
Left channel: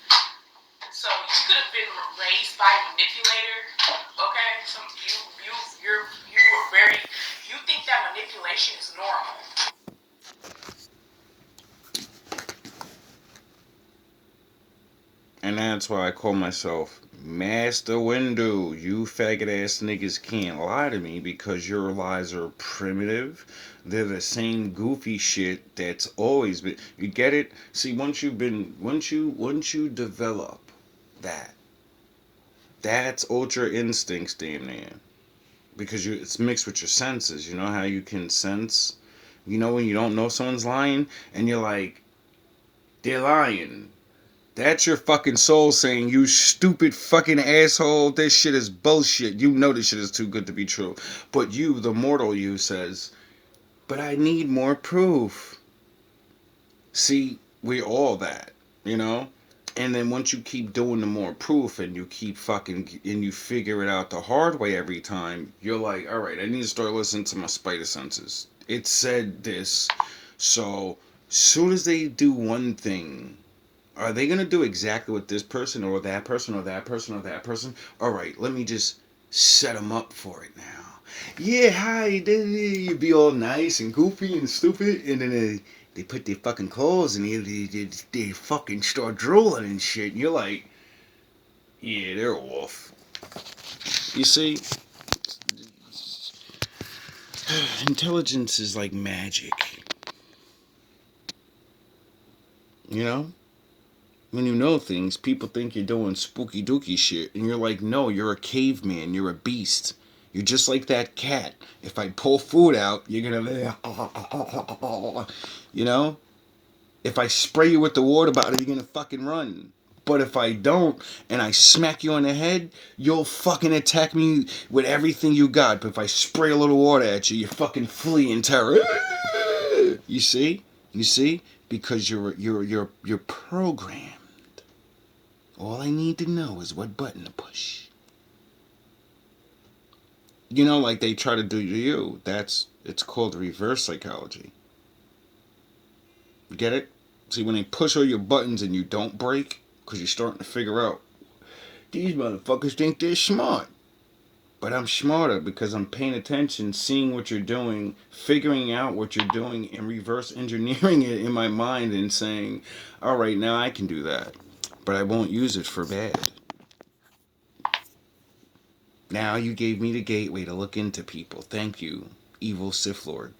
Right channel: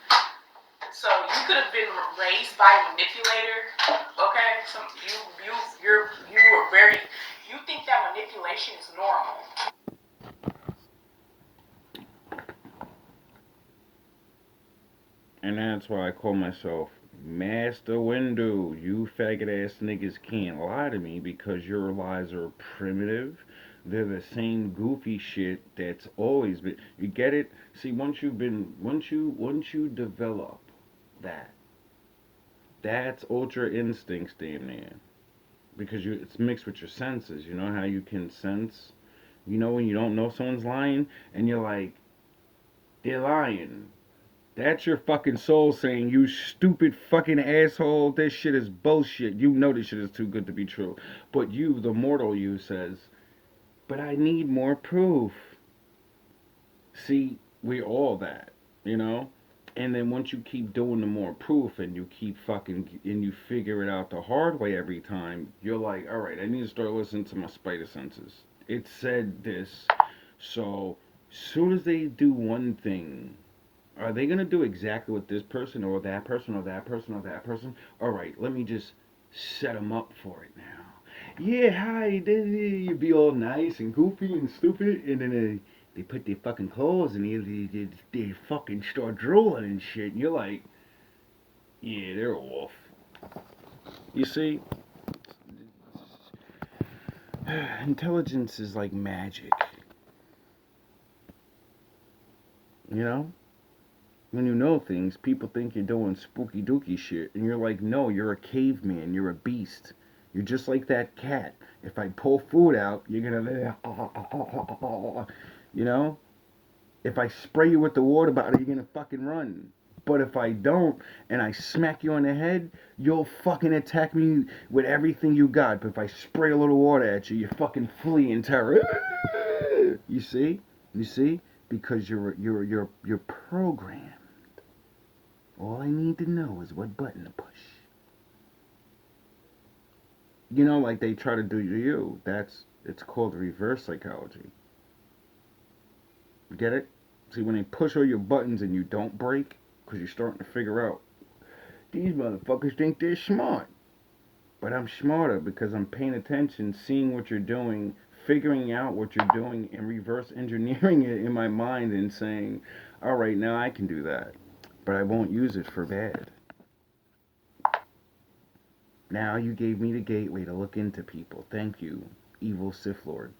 So you been raised by a manipulator, okay, you are very, you think that manipulation is normal. And that's why I call myself Master Windu. You faggot ass niggas can't lie to me because your lies are primitive. They're the same goofy shit that's always been. You get it? See, once you develop that, that's ultra instincts, damn near. Because it's mixed with your senses. You know how you can sense. You know when you don't know someone's lying, and you're like, they're lying. That's your fucking soul saying, you stupid fucking asshole, this shit is bullshit. You know this shit is too good to be true. But you, the mortal you, says, but I need more proof. See, we all that, you know? And then once you keep doing the more proof and you keep fucking, and you figure it out the hard way every time, you're like, alright, I need to start listening to my spider senses. It said this, so soon as they do one thing, are they gonna do exactly what this person or that person or that person or that person? All right, let me just set them up for it now. Yeah, hi. You be all nice and goofy and stupid, and then they put their fucking clothes and they fucking start drooling and shit. And you're like, yeah, they're off. You see, intelligence is like magic. You know? When you know things, people think you're doing spooky dooky shit, and you're like, no, you're a caveman, you're a beast. You're just like that cat. If I pull food out, you're gonna, you know? If I spray you with the water bottle, you're gonna fucking run. But if I don't, and I smack you on the head, you'll fucking attack me with everything you got. But if I spray a little water at you, you fucking flee in terror. You see? You see? Because you're programmed. All I need to know is what button to push. You know, like they try to do to you. It's called reverse psychology. Get it? See, when they push all your buttons and you don't break, because you're starting to figure out, these motherfuckers think they're smart. But I'm smarter because I'm paying attention, seeing what you're doing, figuring out what you're doing, and reverse engineering it in my mind and saying, all right, now I can do that. But I won't use it for bad. Now you gave me the gateway to look into people. Thank you, evil Sith Lord.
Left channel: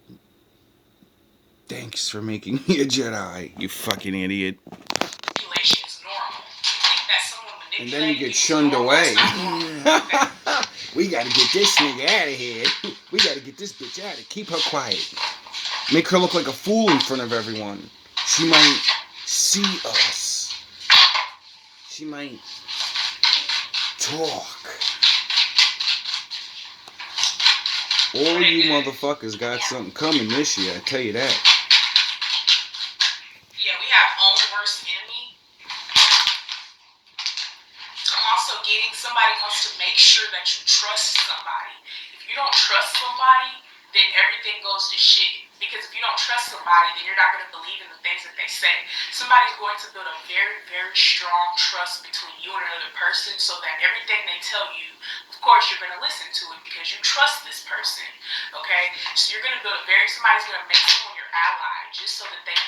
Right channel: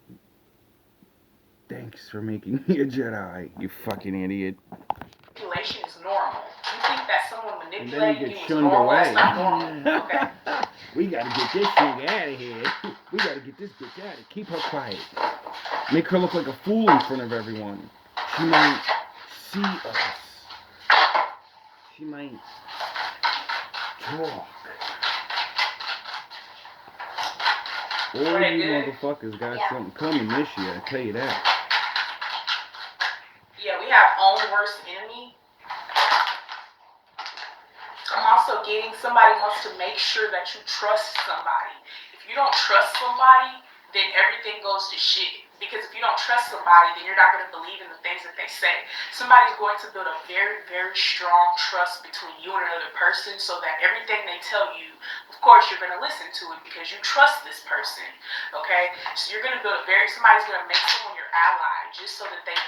Thanks for making me a Jedi, you fucking idiot. Manipulation is normal. You think that someone manipulating And then you get is shunned normal, away. it's not normal. We gotta get this nigga out of here. We gotta get this bitch out of here. Keep her quiet. Make her look like a fool in front of everyone. She might see us. She might talk. All you motherfuckers got something coming this year, I tell you that. Yeah, we have own worst enemy. I'm also getting somebody wants to make sure that you trust somebody. If you don't trust somebody, then everything goes to shit. Because if you don't trust somebody, then you're not going to believe in the things that they say. Somebody's going to build a very, very strong trust between you and another person so that everything they tell you, of course, you're going to listen to it because you trust this person. Okay? So you're going to build somebody's going to make someone your ally just so that they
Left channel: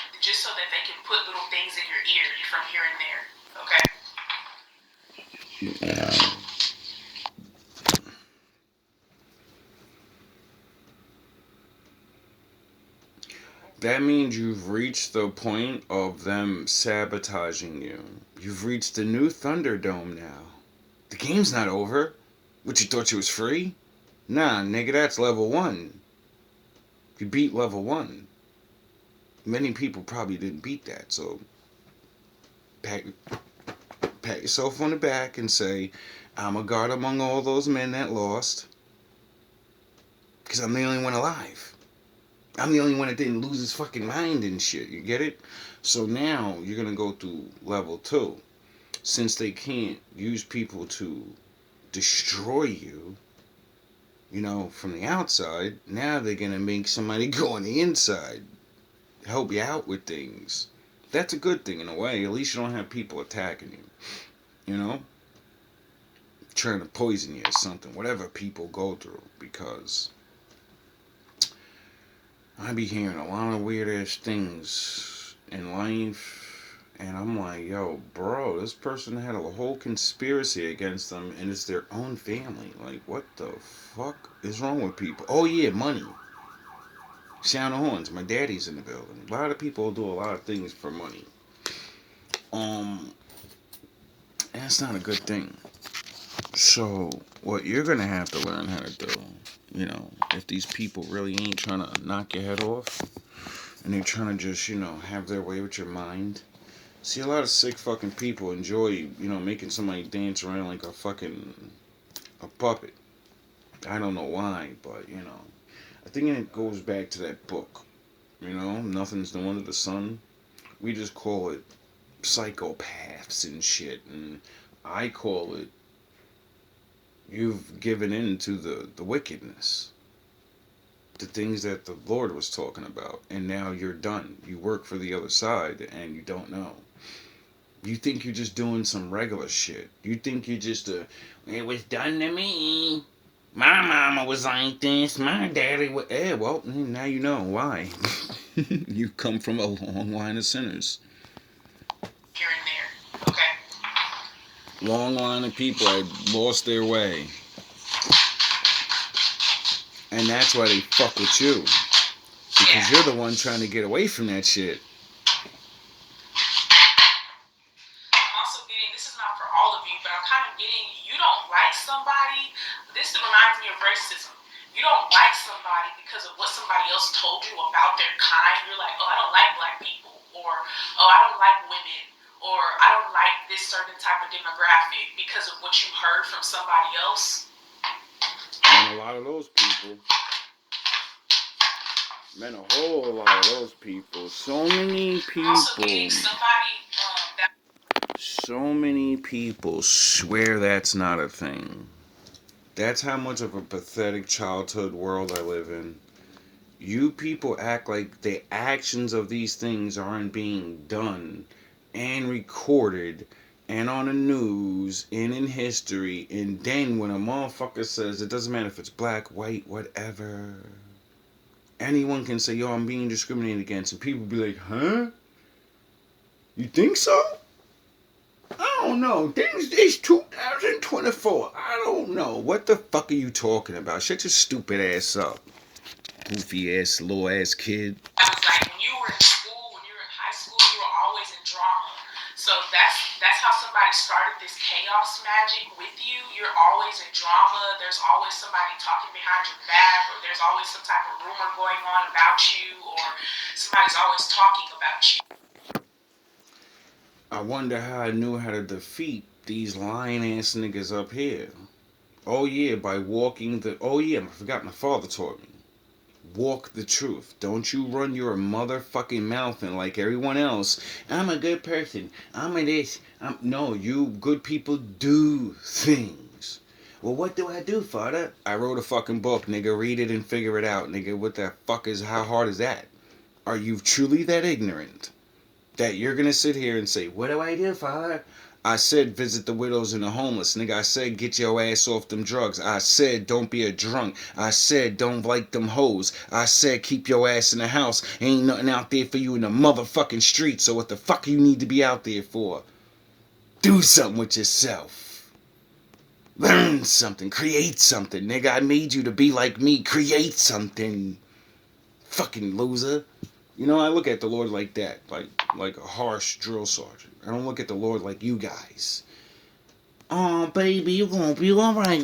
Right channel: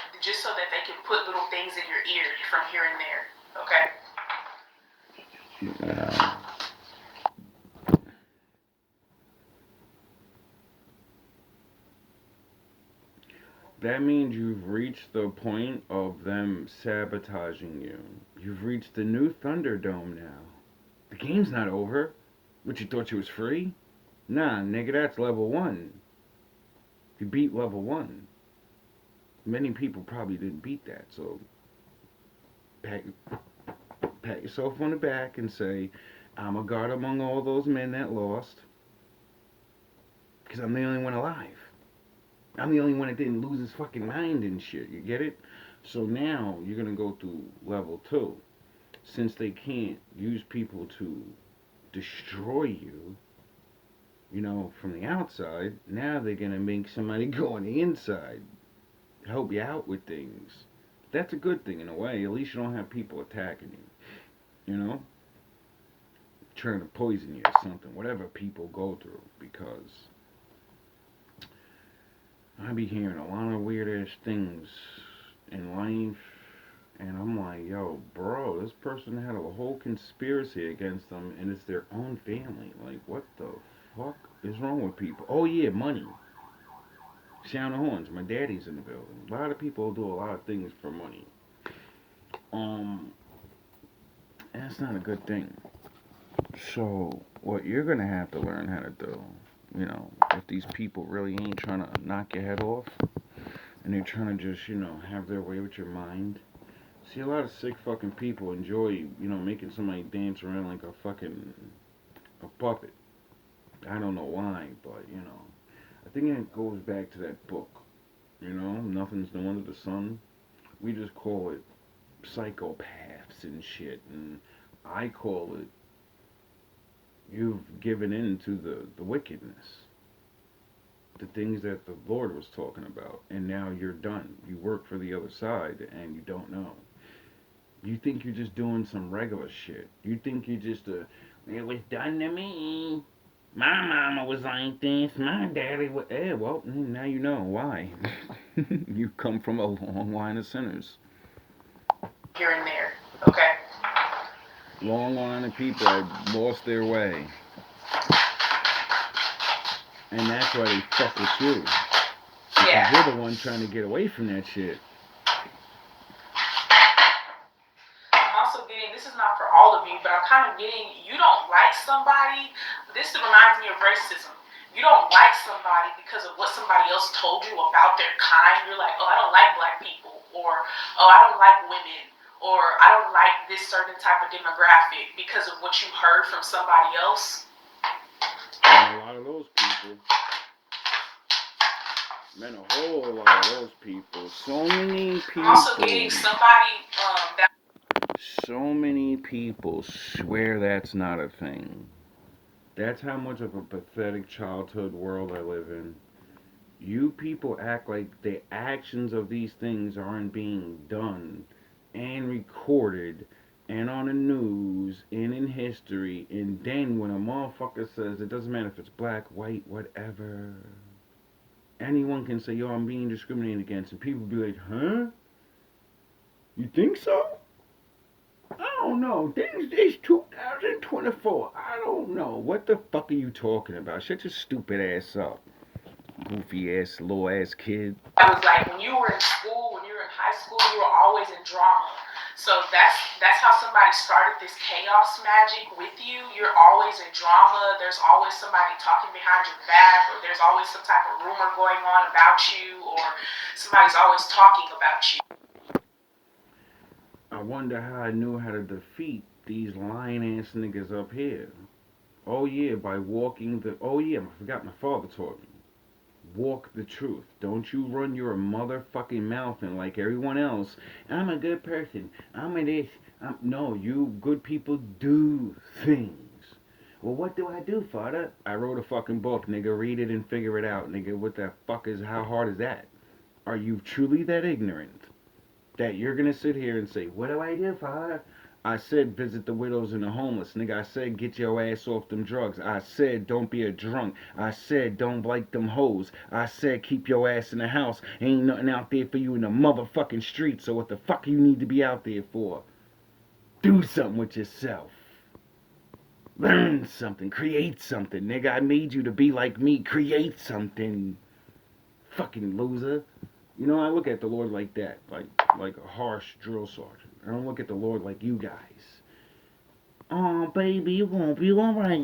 can put little things in your ear from here and there. Okay? Yeah. That means you've reached the point of them sabotaging you. You've reached the new Thunderdome now. The game's not over. What, you thought you was free? Nah, nigga, that's level 1. You beat level 1. Many people probably didn't beat that, so pat yourself on the back and say, I'm a god among all those men that lost. Because I'm the only one alive. I'm the only one that didn't lose his fucking mind and shit. You get it? So now you're going to go through level 2. Since they can't use people to destroy you, you know, from the outside, now they're going to make somebody go on the inside. Help you out with things. That's a good thing in a way. At least you don't have people attacking you. You know? trying to poison you or something. Whatever people go through, because I be hearing a lot of weird ass things in life. And I'm like, yo, bro, this person had a whole conspiracy against them, and it's their own family. Like, what the fuck is wrong with people? Oh, yeah, money. Sound of horns. My daddy's in the building. A lot of people do a lot of things for money. That's not a good thing. So, what you're going to have to learn how to do, you know, if these people really ain't trying to knock your head off, and they're trying to just, you know, have their way with your mind. See, a lot of sick fucking people enjoy, you know, making somebody dance around like a puppet. I don't know why, but, you know. I think it goes back to that book. You know, nothing's new under the sun. We just call it psychopaths and shit. And I call it, you've given in to the wickedness. The things that the Lord was talking about. And now you're done. You work for the other side and you don't know. You think you're just doing some regular shit. You think you're just it was done to me. My mama was like this. My daddy was... well, now you know why. You come from a long line of sinners. Here and there, okay? Long line of people that lost their way. And that's why they fuck with you. Because you're the one trying to get away from that shit. This is not for all of you, but I'm kind of getting, you don't like somebody. This reminds me of racism. You don't like somebody because of what somebody else told you about their kind. You're like, oh, I don't like black people, or oh, I don't like women, or I don't like this certain type of demographic because of what you heard from somebody else. And a lot of those people, man, a whole lot of those people, so many people. Also getting somebody that. So many people swear that's not a thing. That's how much of a pathetic childhood world I live in. You people act like the actions of these things aren't being done and recorded and on the news and in history. And then when a motherfucker says, it doesn't matter if it's black, white, whatever, anyone can say, yo, I'm being discriminated against. And people be like, huh? You think so? I don't know. It's 2024. I don't know. What the fuck are you talking about? Shut your stupid ass up. Goofy ass, little ass kid. It was like when you were in school, when you were in high school, you were always in drama. So that's how somebody started this chaos magic with you. You're always in drama. There's always somebody talking behind your back, or there's always some type of rumor going on about you, or somebody's always talking about you. I wonder how I knew how to defeat these lying ass niggas up here. Oh yeah, by walking the... Oh yeah, I forgot my father taught me. Walk the truth. Don't you run your motherfucking mouth in like everyone else. I'm a good person. I'm a this. No, you good people do things. Well, what do I do, father? I wrote a fucking book, nigga. Read it and figure it out, nigga. What the fuck is... How hard is that? Are you truly that ignorant? That you're gonna sit here and say, what do I do, father? I said visit the widows and the homeless, nigga. I said get your ass off them drugs. I said don't be a drunk. I said don't like them hoes. I said keep your ass in the house. Ain't nothing out there for you in the motherfucking street. So what the fuck you need to be out there for? Do something with yourself. Learn something. Create something, nigga. I made you to be like me. Create something. Fucking loser. You know, I look at the Lord like that, like a harsh drill sergeant. I don't look at the Lord like you guys. Oh, baby, you're gonna be alright.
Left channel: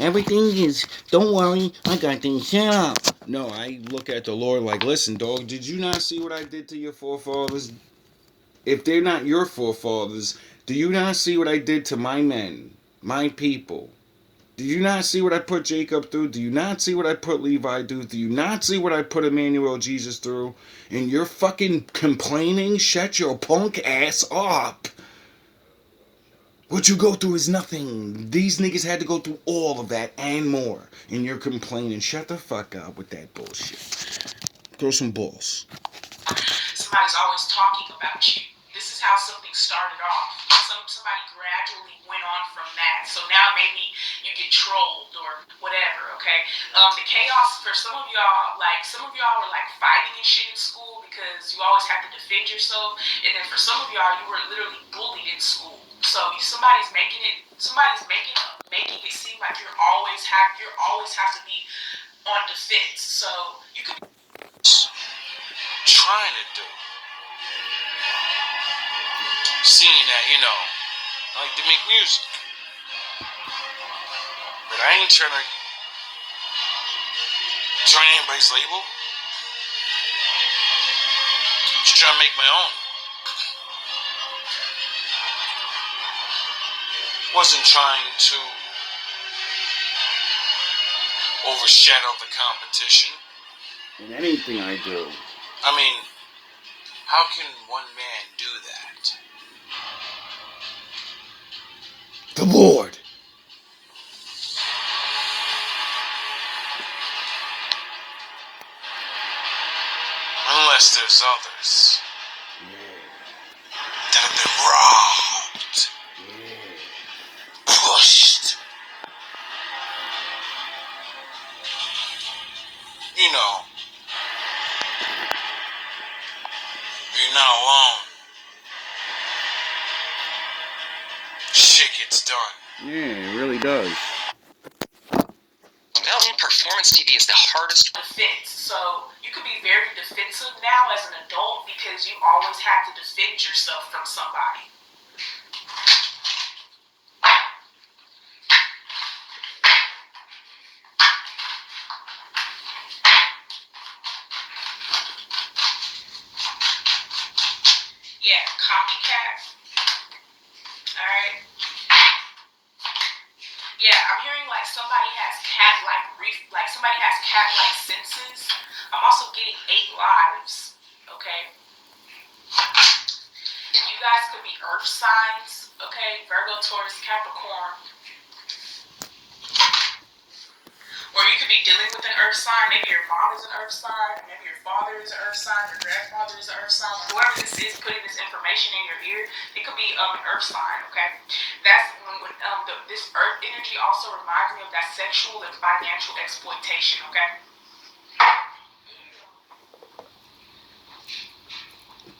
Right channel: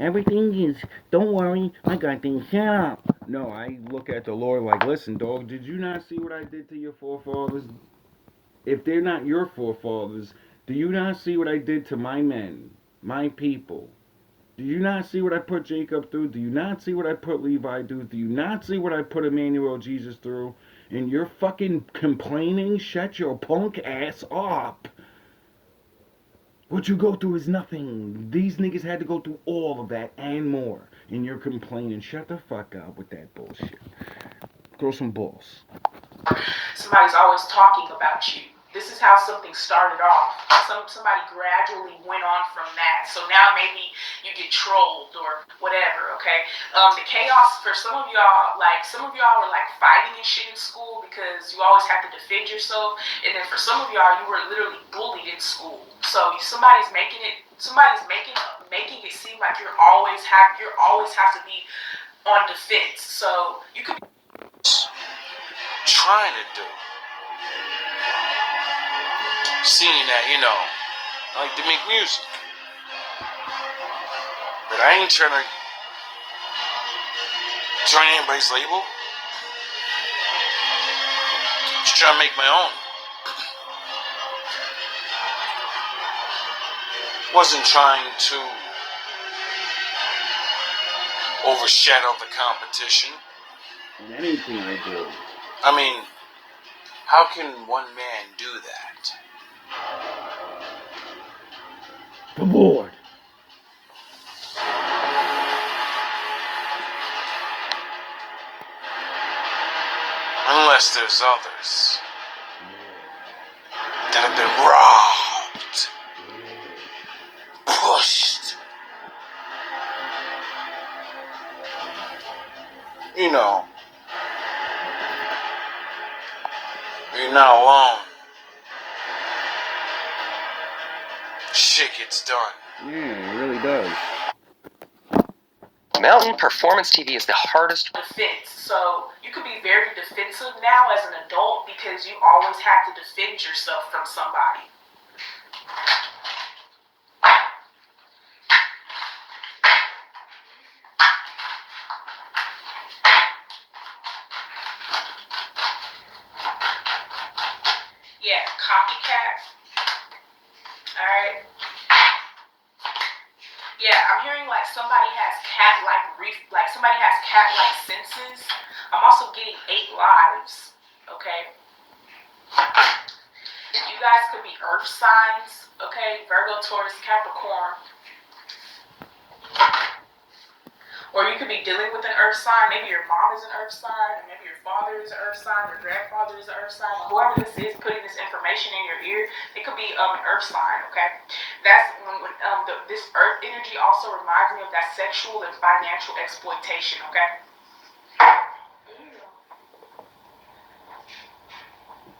Everything is, don't worry, I got things set up. No, I look at the Lord like, listen, dog, did you not see what I did to your forefathers? If they're not your forefathers, do you not see what I did to my men, my people? Do you not see what I put Jacob through? Do you not see what I put Levi through? Do you not see what I put Emmanuel Jesus through? And you're fucking complaining? Shut your punk ass up. What you go through is nothing. These niggas had to go through all of that and more. And you're complaining. Shut the fuck up with that bullshit. Throw some balls. Somebody's always talking about you. This is how something started off. Somebody gradually went on from that. So now maybe you get trolled or whatever, okay? The chaos for some of y'all, like some of y'all were like fighting and shit in school because you always have to defend yourself. And then for some of y'all, you were literally bullied in school. So somebody's making it seem like you always have to be on defense. So you could trying to do. Seeing that, you know, I like to make music. But I ain't trying to join anybody's label. Just trying to make my own. Wasn't trying to overshadow the competition. In anything I do. I mean, how can one man do that? The Lord. Unless there's others that have been robbed, pushed. You know, you're not alone. Shit gets done. Yeah, it really does. Mountain Performance TV is the hardest. defense. So you could be very defensive now as an adult because you always have to defend yourself from somebody. Yeah, copycat. Alright. Yeah, I'm hearing like somebody has cat-like senses. I'm also getting 8 lives. Okay. You guys could be earth signs. Okay, Virgo, Taurus, Capricorn. Or you could be dealing with an earth sign. Maybe your mom is an earth sign, or maybe your father is an earth sign, or grandfather is an earth sign, or whoever this is putting this information in your ear, it could be an earth sign, okay? That's when this earth energy also reminds me of that sexual and financial exploitation, okay?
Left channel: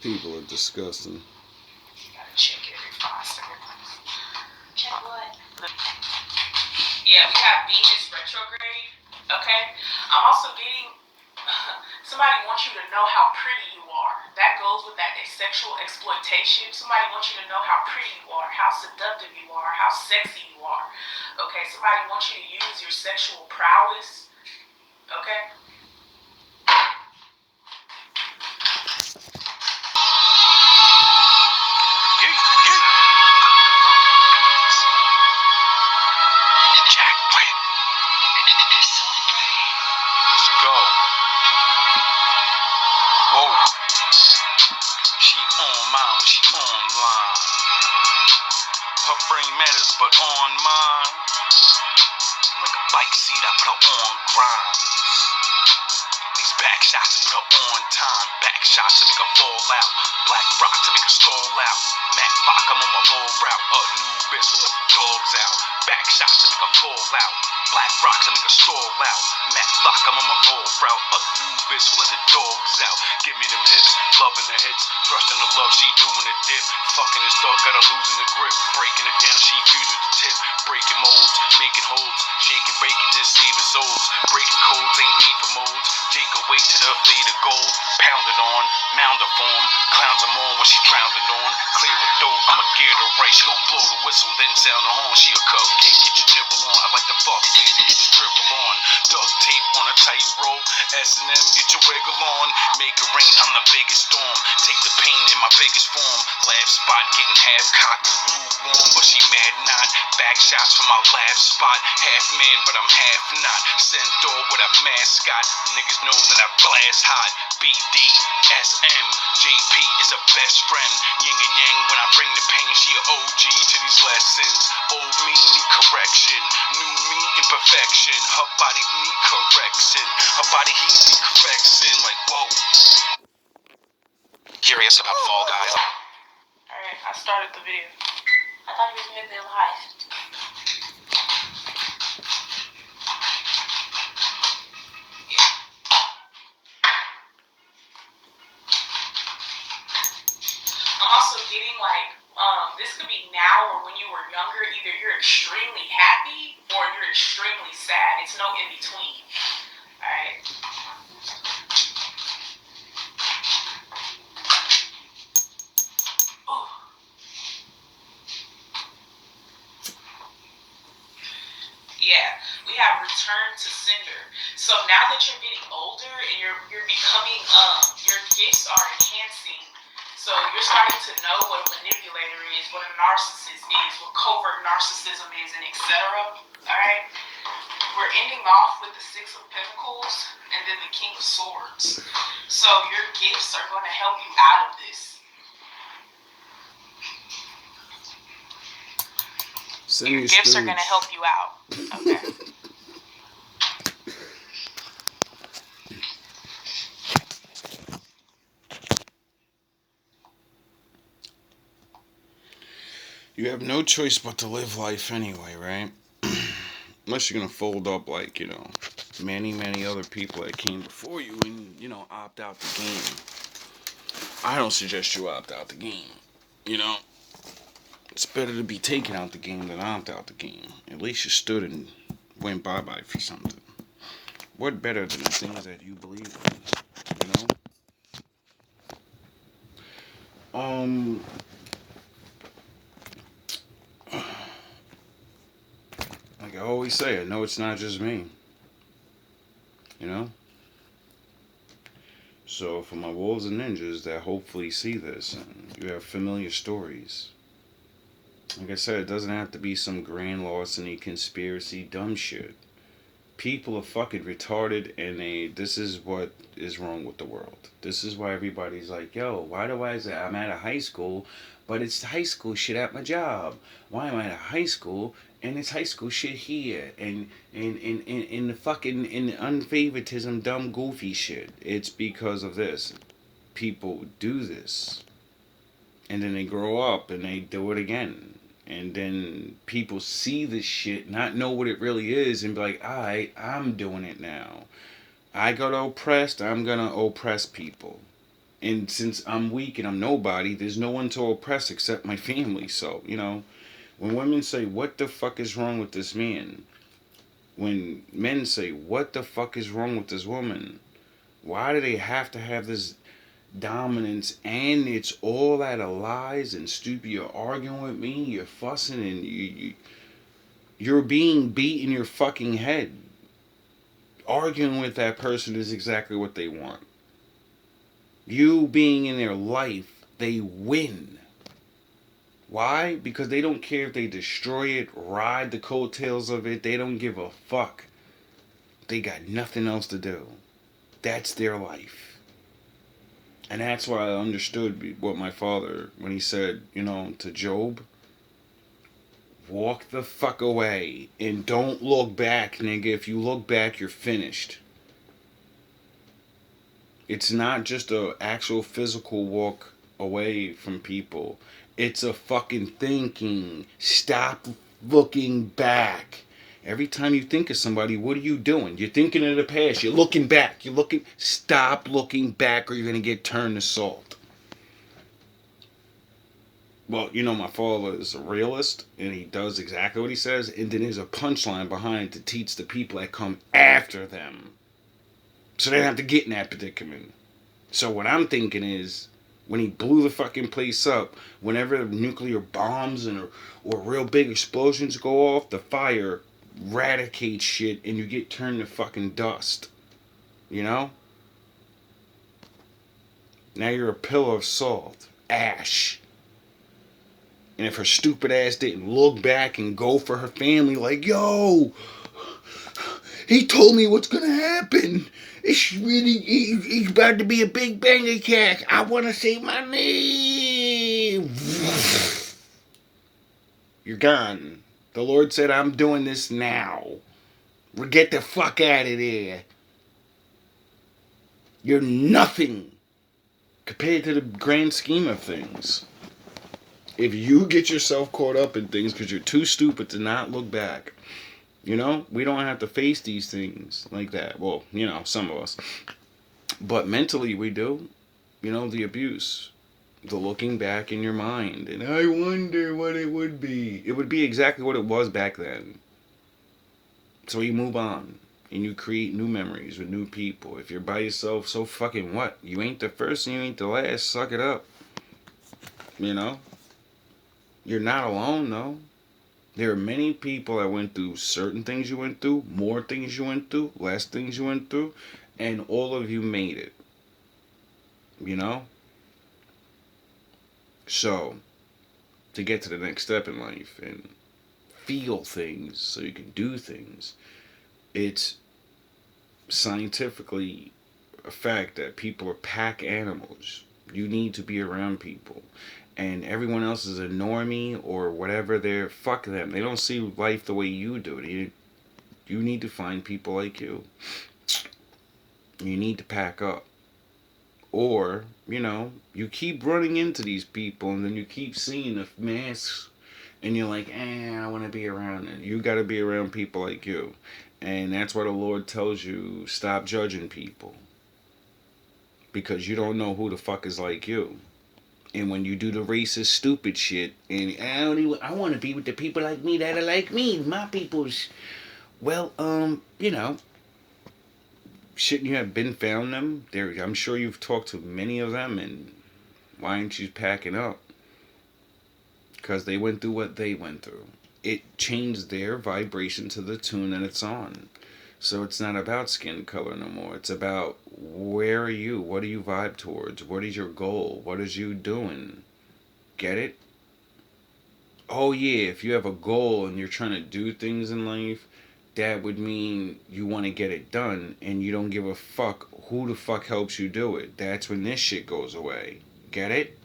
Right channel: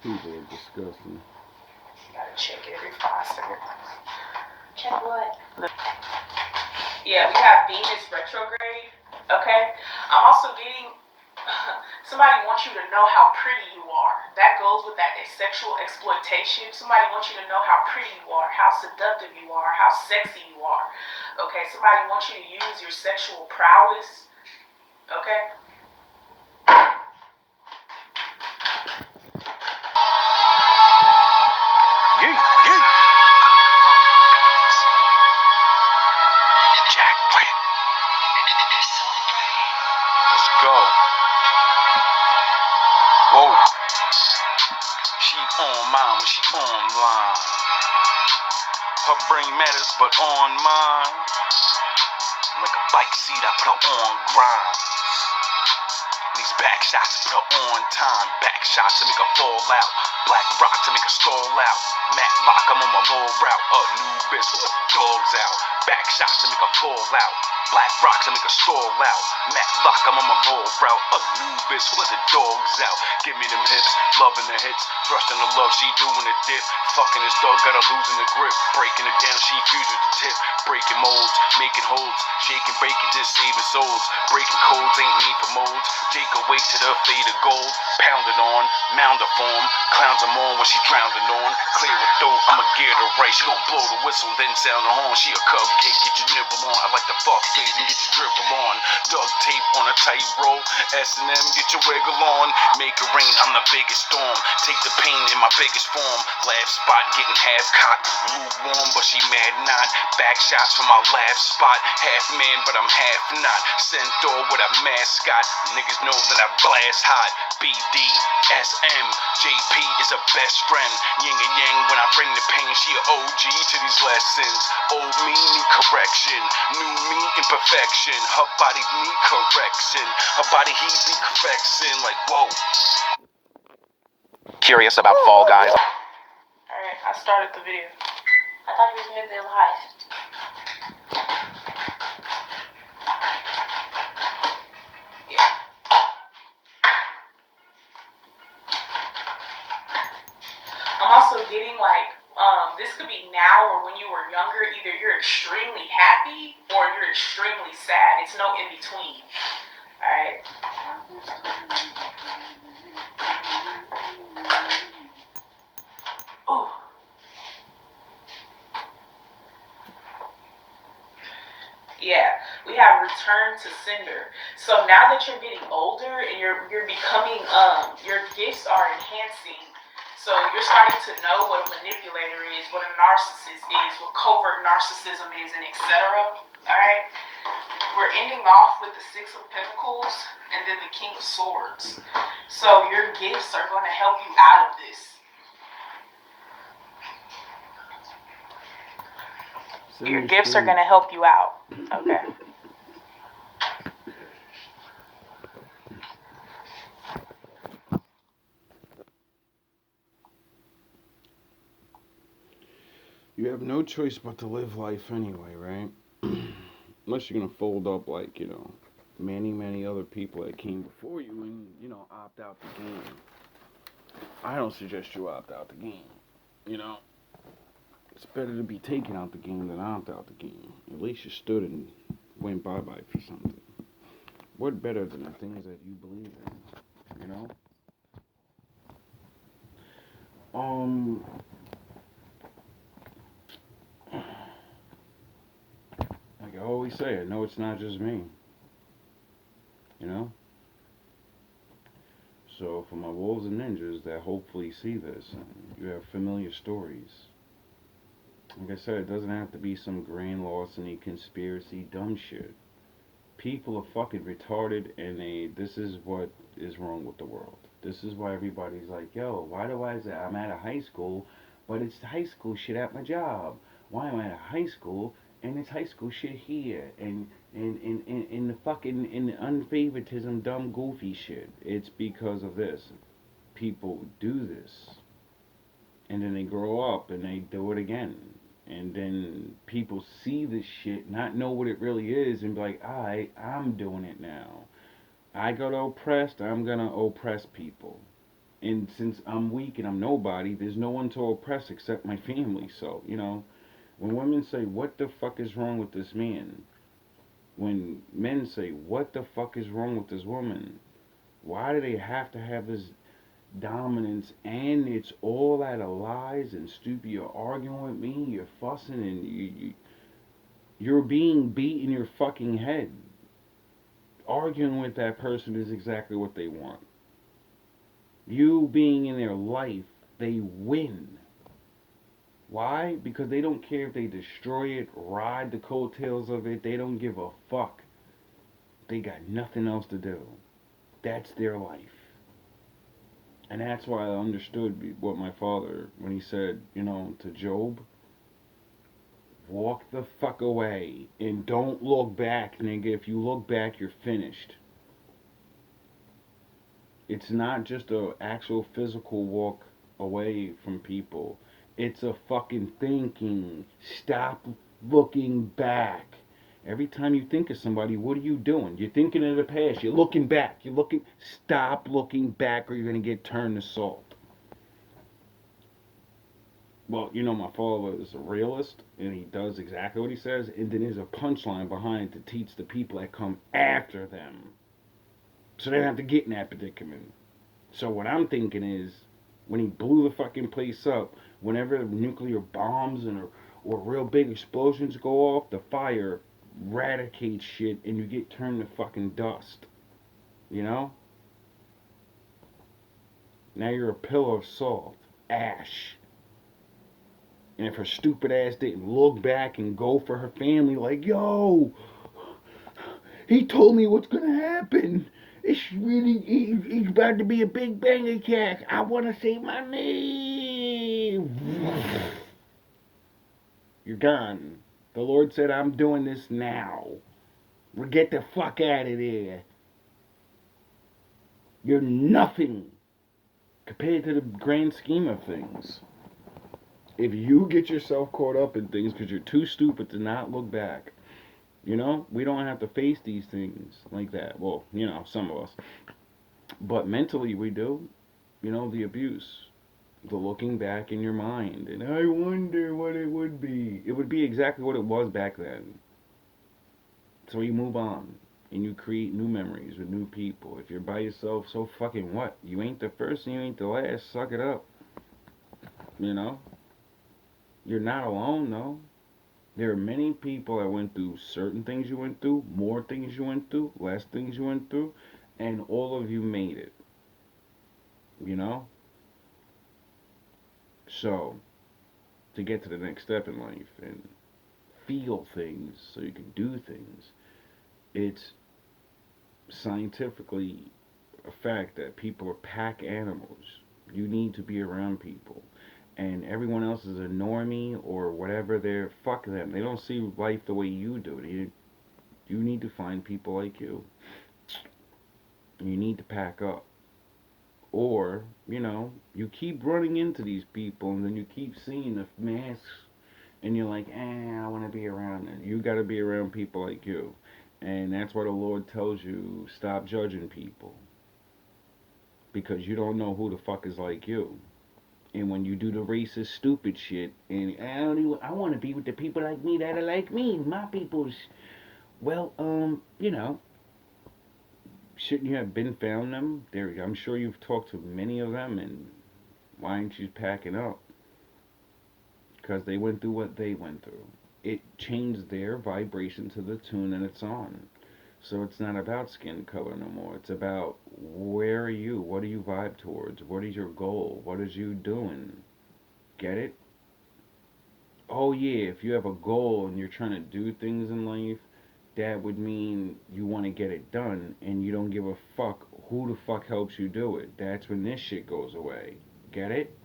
People are disgusting. You gotta check every 5 seconds. Check what? Yeah, we have Venus retrograde, okay? I'm also getting, somebody wants you to know how pretty you are. That goes with that sexual exploitation. Somebody wants you to know how pretty you are, how seductive you are, how sexy you are, okay? Somebody wants you to use your sexual prowess, okay? Go. Whoa. She on mine when she online. Her brain matters, but on mine. Like a bike seat, I put her on grinds. These back shots put her on time. Back shots to make her fall out. Black rock to make her stall out. Matt lock, I'm on my low route. A new bitch, let the dogs out. Back shots to make her fall out. Black rock to make her stall out. Matt lock, I'm on my low route. A new bitch, let the dogs out. Give me them hips, loving the hits. Thrusting the love, she doing the dip. Fucking this dog, got her losing the grip. Breaking it down, she fuses the tip. Breaking molds, making holds. Shaking, breaking, just saving souls. Breaking codes, ain't need for molds. Take away to the faded gold. Pounded on, mound of form. Clowns them on when she drowning on. Clear her throat, I'ma get her right. She gon' blow the whistle, then sound the horn. She a cupcake, get your nibble on. I like the fuck face and get your dribble on. Duct tape on a tight roll. S&M, get your wiggle on. Make it rain, I'm the biggest storm. Take the pain in my biggest form. Laugh spot, getting half cocked. Lukewarm, but she mad not. Back shots from my laugh spot. Half man, but I'm half not. Centaur with a mascot. Niggas know that I blast hot. BD, SM, JP is a best friend. Yin and yang when I bring the pain. She a OG to these lessons. Old me need correction. New me imperfection. Her body need correction. Her body heat need perfection. Like whoa. Curious about Fall Guys? Alright, I started the video. I thought you was making it live. Yeah. I'm also getting like, this could be now or when you were younger. Either you're extremely happy or you're extremely sad. It's no in between. Alright. Ooh. Yeah, we have return to sender. So now that you're getting older and you're becoming your gifts are enhancing. So you're starting to know what a manipulator is, what a narcissist is, what covert narcissism is, and etc. Alright? We're ending off with the Six of Pentacles and then the King of Swords. So your gifts are going to help you out of this. Your gifts are going to help you out. Okay. You have no choice but to live life anyway, right? Unless you're going to fold up like, many other people that came before you and, opt out the game. I don't suggest you opt out the game, It's better to be taken out the game than opt out the game. At least you stood and went bye-bye for something. What better than the things that you believe in, Like I always say, I know it's not just me. So for my wolves and ninjas that hopefully see this and you have familiar stories, like I said, it doesn't have to be some grand larceny, conspiracy, dumb shit. People are fucking retarded and this is what is wrong with the world. This is why everybody's like, yo, why do I say I'm at a high school, but it's high school shit at my job? Why am I at a high school and it's high school shit here? And the fucking in the unfavoritism, dumb, goofy shit. It's because of this. People do this. And then they grow up and they do it again. And then people see this shit, not know what it really is, and be like, alright, I'm doing it now. I got oppressed, I'm gonna oppress people. And since I'm weak and I'm nobody, there's no one to oppress except my family. So, when women say, what the fuck is wrong with this man? When men say, what the fuck is wrong with this woman? Why do they have to have this dominance, and it's all out of lies and stupid? You're arguing with me, you're fussing, and you're being beat in your fucking head. Arguing with that person is exactly what they want. You being in their life, they win. Why? Because they don't care if they destroy it, ride the coattails of it, they don't give a fuck. They got nothing else to do. That's their life. And that's why I understood what my father, when he said, to Job, walk the fuck away and don't look back, nigga. If you look back, you're finished. It's not just a actual physical walk away from people. It's a fucking thinking. Stop looking back. Every time you think of somebody, what are you doing? You're thinking of the past. You're looking back. Stop looking back or you're going to get turned to salt. Well, my father is a realist, and he does exactly what he says, and then there's a punchline behind to teach the people that come after them, so they don't have to get in that predicament. So what I'm thinking is, when he blew the fucking place up, whenever nuclear bombs or real big explosions go off, the fire eradicates shit, and you get turned to fucking dust. Now you're a pillar of salt, ash. And if her stupid ass didn't look back and go for her family like, yo, he told me what's gonna happen. It's really, he's about to be a big bang attack. I want to say my name. You're gone. The Lord said, I'm doing this now. Get the fuck out of there. You're nothing compared to the grand scheme of things. If you get yourself caught up in things because you're too stupid to not look back, we don't have to face these things like that. Well, some of us. But mentally, we do. The abuse, the looking back in your mind, and I wonder what it would be. It would be exactly what it was back then. So you move on and you create new memories with new people. If you're by yourself, so fucking what? You ain't the first and you ain't the last. Suck it up. You're not alone, though. There are many people that went through certain things you went through, more things you went through, less things you went through, and all of you made it. So, to get to the next step in life and feel things so you can do things, it's scientifically a fact that people are pack animals. You need to be around people. And everyone else is a normie or whatever. Fuck them. They don't see life the way you do. You need to find people like you. You need to pack up. Or, you keep running into these people and then you keep seeing the masks and you're like, I want to be around it. You got to be around people like you. And that's why the Lord tells you, stop judging people. Because you don't know who the fuck is like you. And when you do the racist, stupid shit, and I want to be with the people like me that are like me, my people's. Well, shouldn't you have been found them? I'm sure you've talked to many of them, and why aren't you packing up? Because they went through what they went through. It changed their vibration to the tune that it's on. So it's not about skin color no more. It's about where are you? What do you vibe towards? What is your goal? What is you doing? Get it? Oh yeah, if you have a goal and you're trying to do things in life, that would mean you want to get it done and you don't give a fuck who the fuck helps you do it. That's when this shit goes away. Get it?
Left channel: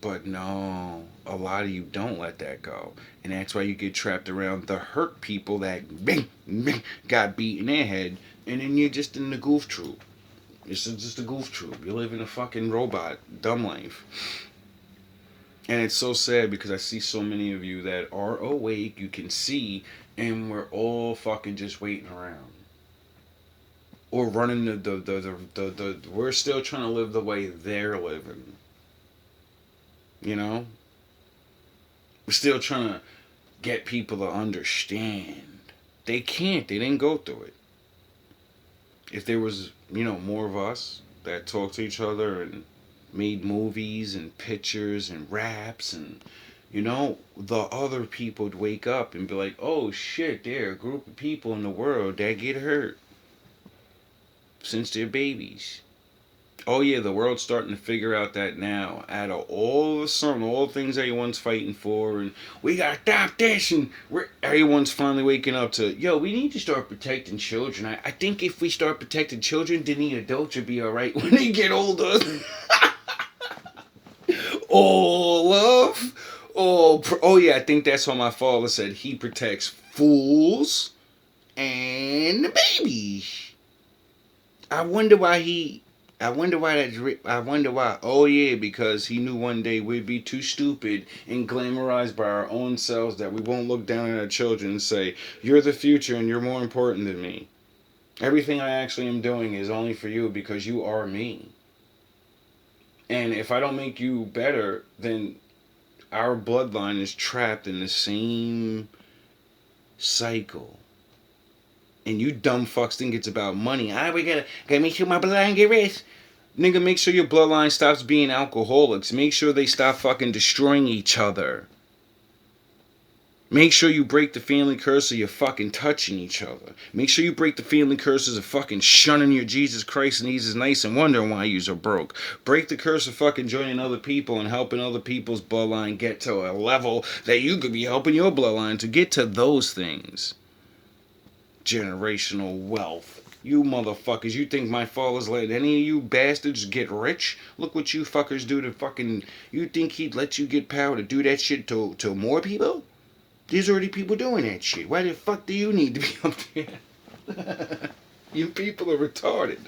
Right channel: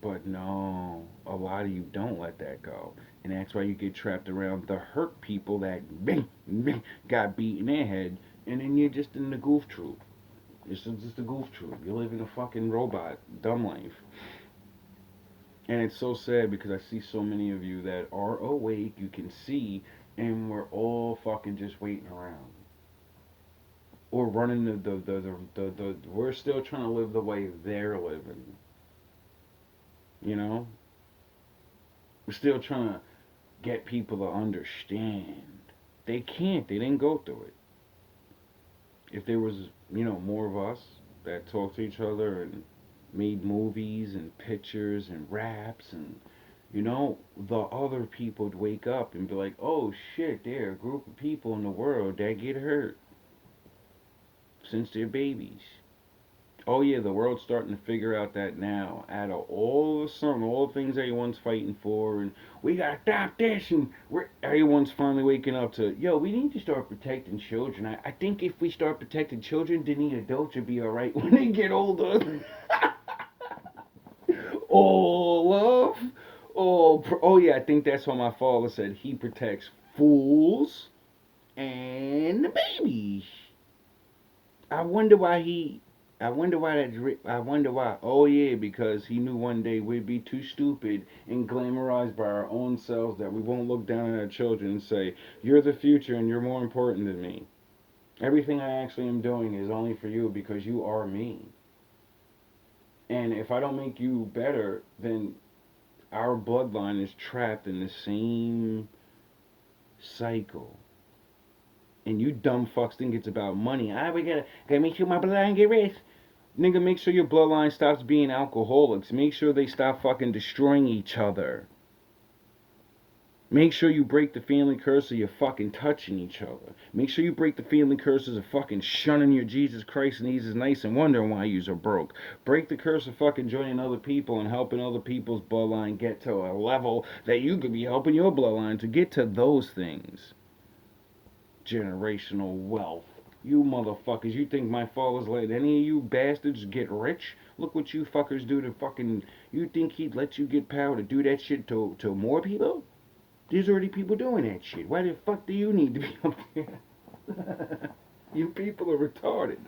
But no, a lot of you don't let that go. And that's why you get trapped around the hurt people that got beat in their head. And then you're just in the goof troop. This is just a goof troop. You live in a fucking robot, dumb life. And it's so sad because I see so many of you that are awake, you can see, and we're all fucking just waiting around. Or running we're still trying to live the way they're living. We're still trying to get people to understand. They can't. They didn't go through it. If there was, more of us that talked to each other and made movies and pictures and raps and, the other people would wake up and be like, oh shit, there are a group of people in the world that get hurt since they're babies. Oh yeah, the world's starting to figure out that now. Out of all the things everyone's fighting for, and we gotta stop this, and everyone's finally waking up to, we need to start protecting children. I think if we start protecting children, then the adults will be alright when they get older. Oh, love. Oh yeah, I think that's what my father said. He protects fools and the baby. I wonder why. Oh yeah, because he knew one day we'd be too stupid and glamorized by our own selves that we won't look down at our children and say, you're the future and you're more important than me. Everything I actually am doing is only for you because you are me. And if I don't make you better, then our bloodline is trapped in the same cycle. And you dumb fucks think it's about money. We gotta make sure my bloodline get rich. Nigga, make sure your bloodline stops being alcoholics. Make sure they stop fucking destroying each other. Make sure you break the family curse of you fucking touching each other. Make sure you break the family curses of fucking shunning your Jesus Christ and He's nice and wondering why yous are broke. Break the curse of fucking joining other people and helping other people's bloodline get to a level that you could be helping your bloodline to get to those things. Generational wealth. You motherfuckers, you think my father's let any of you bastards get rich? Look what you fuckers do to fucking... You think he'd let you get power to do that shit to more people? There's already people doing that shit. Why the fuck do you need to be up there? You people are retarded.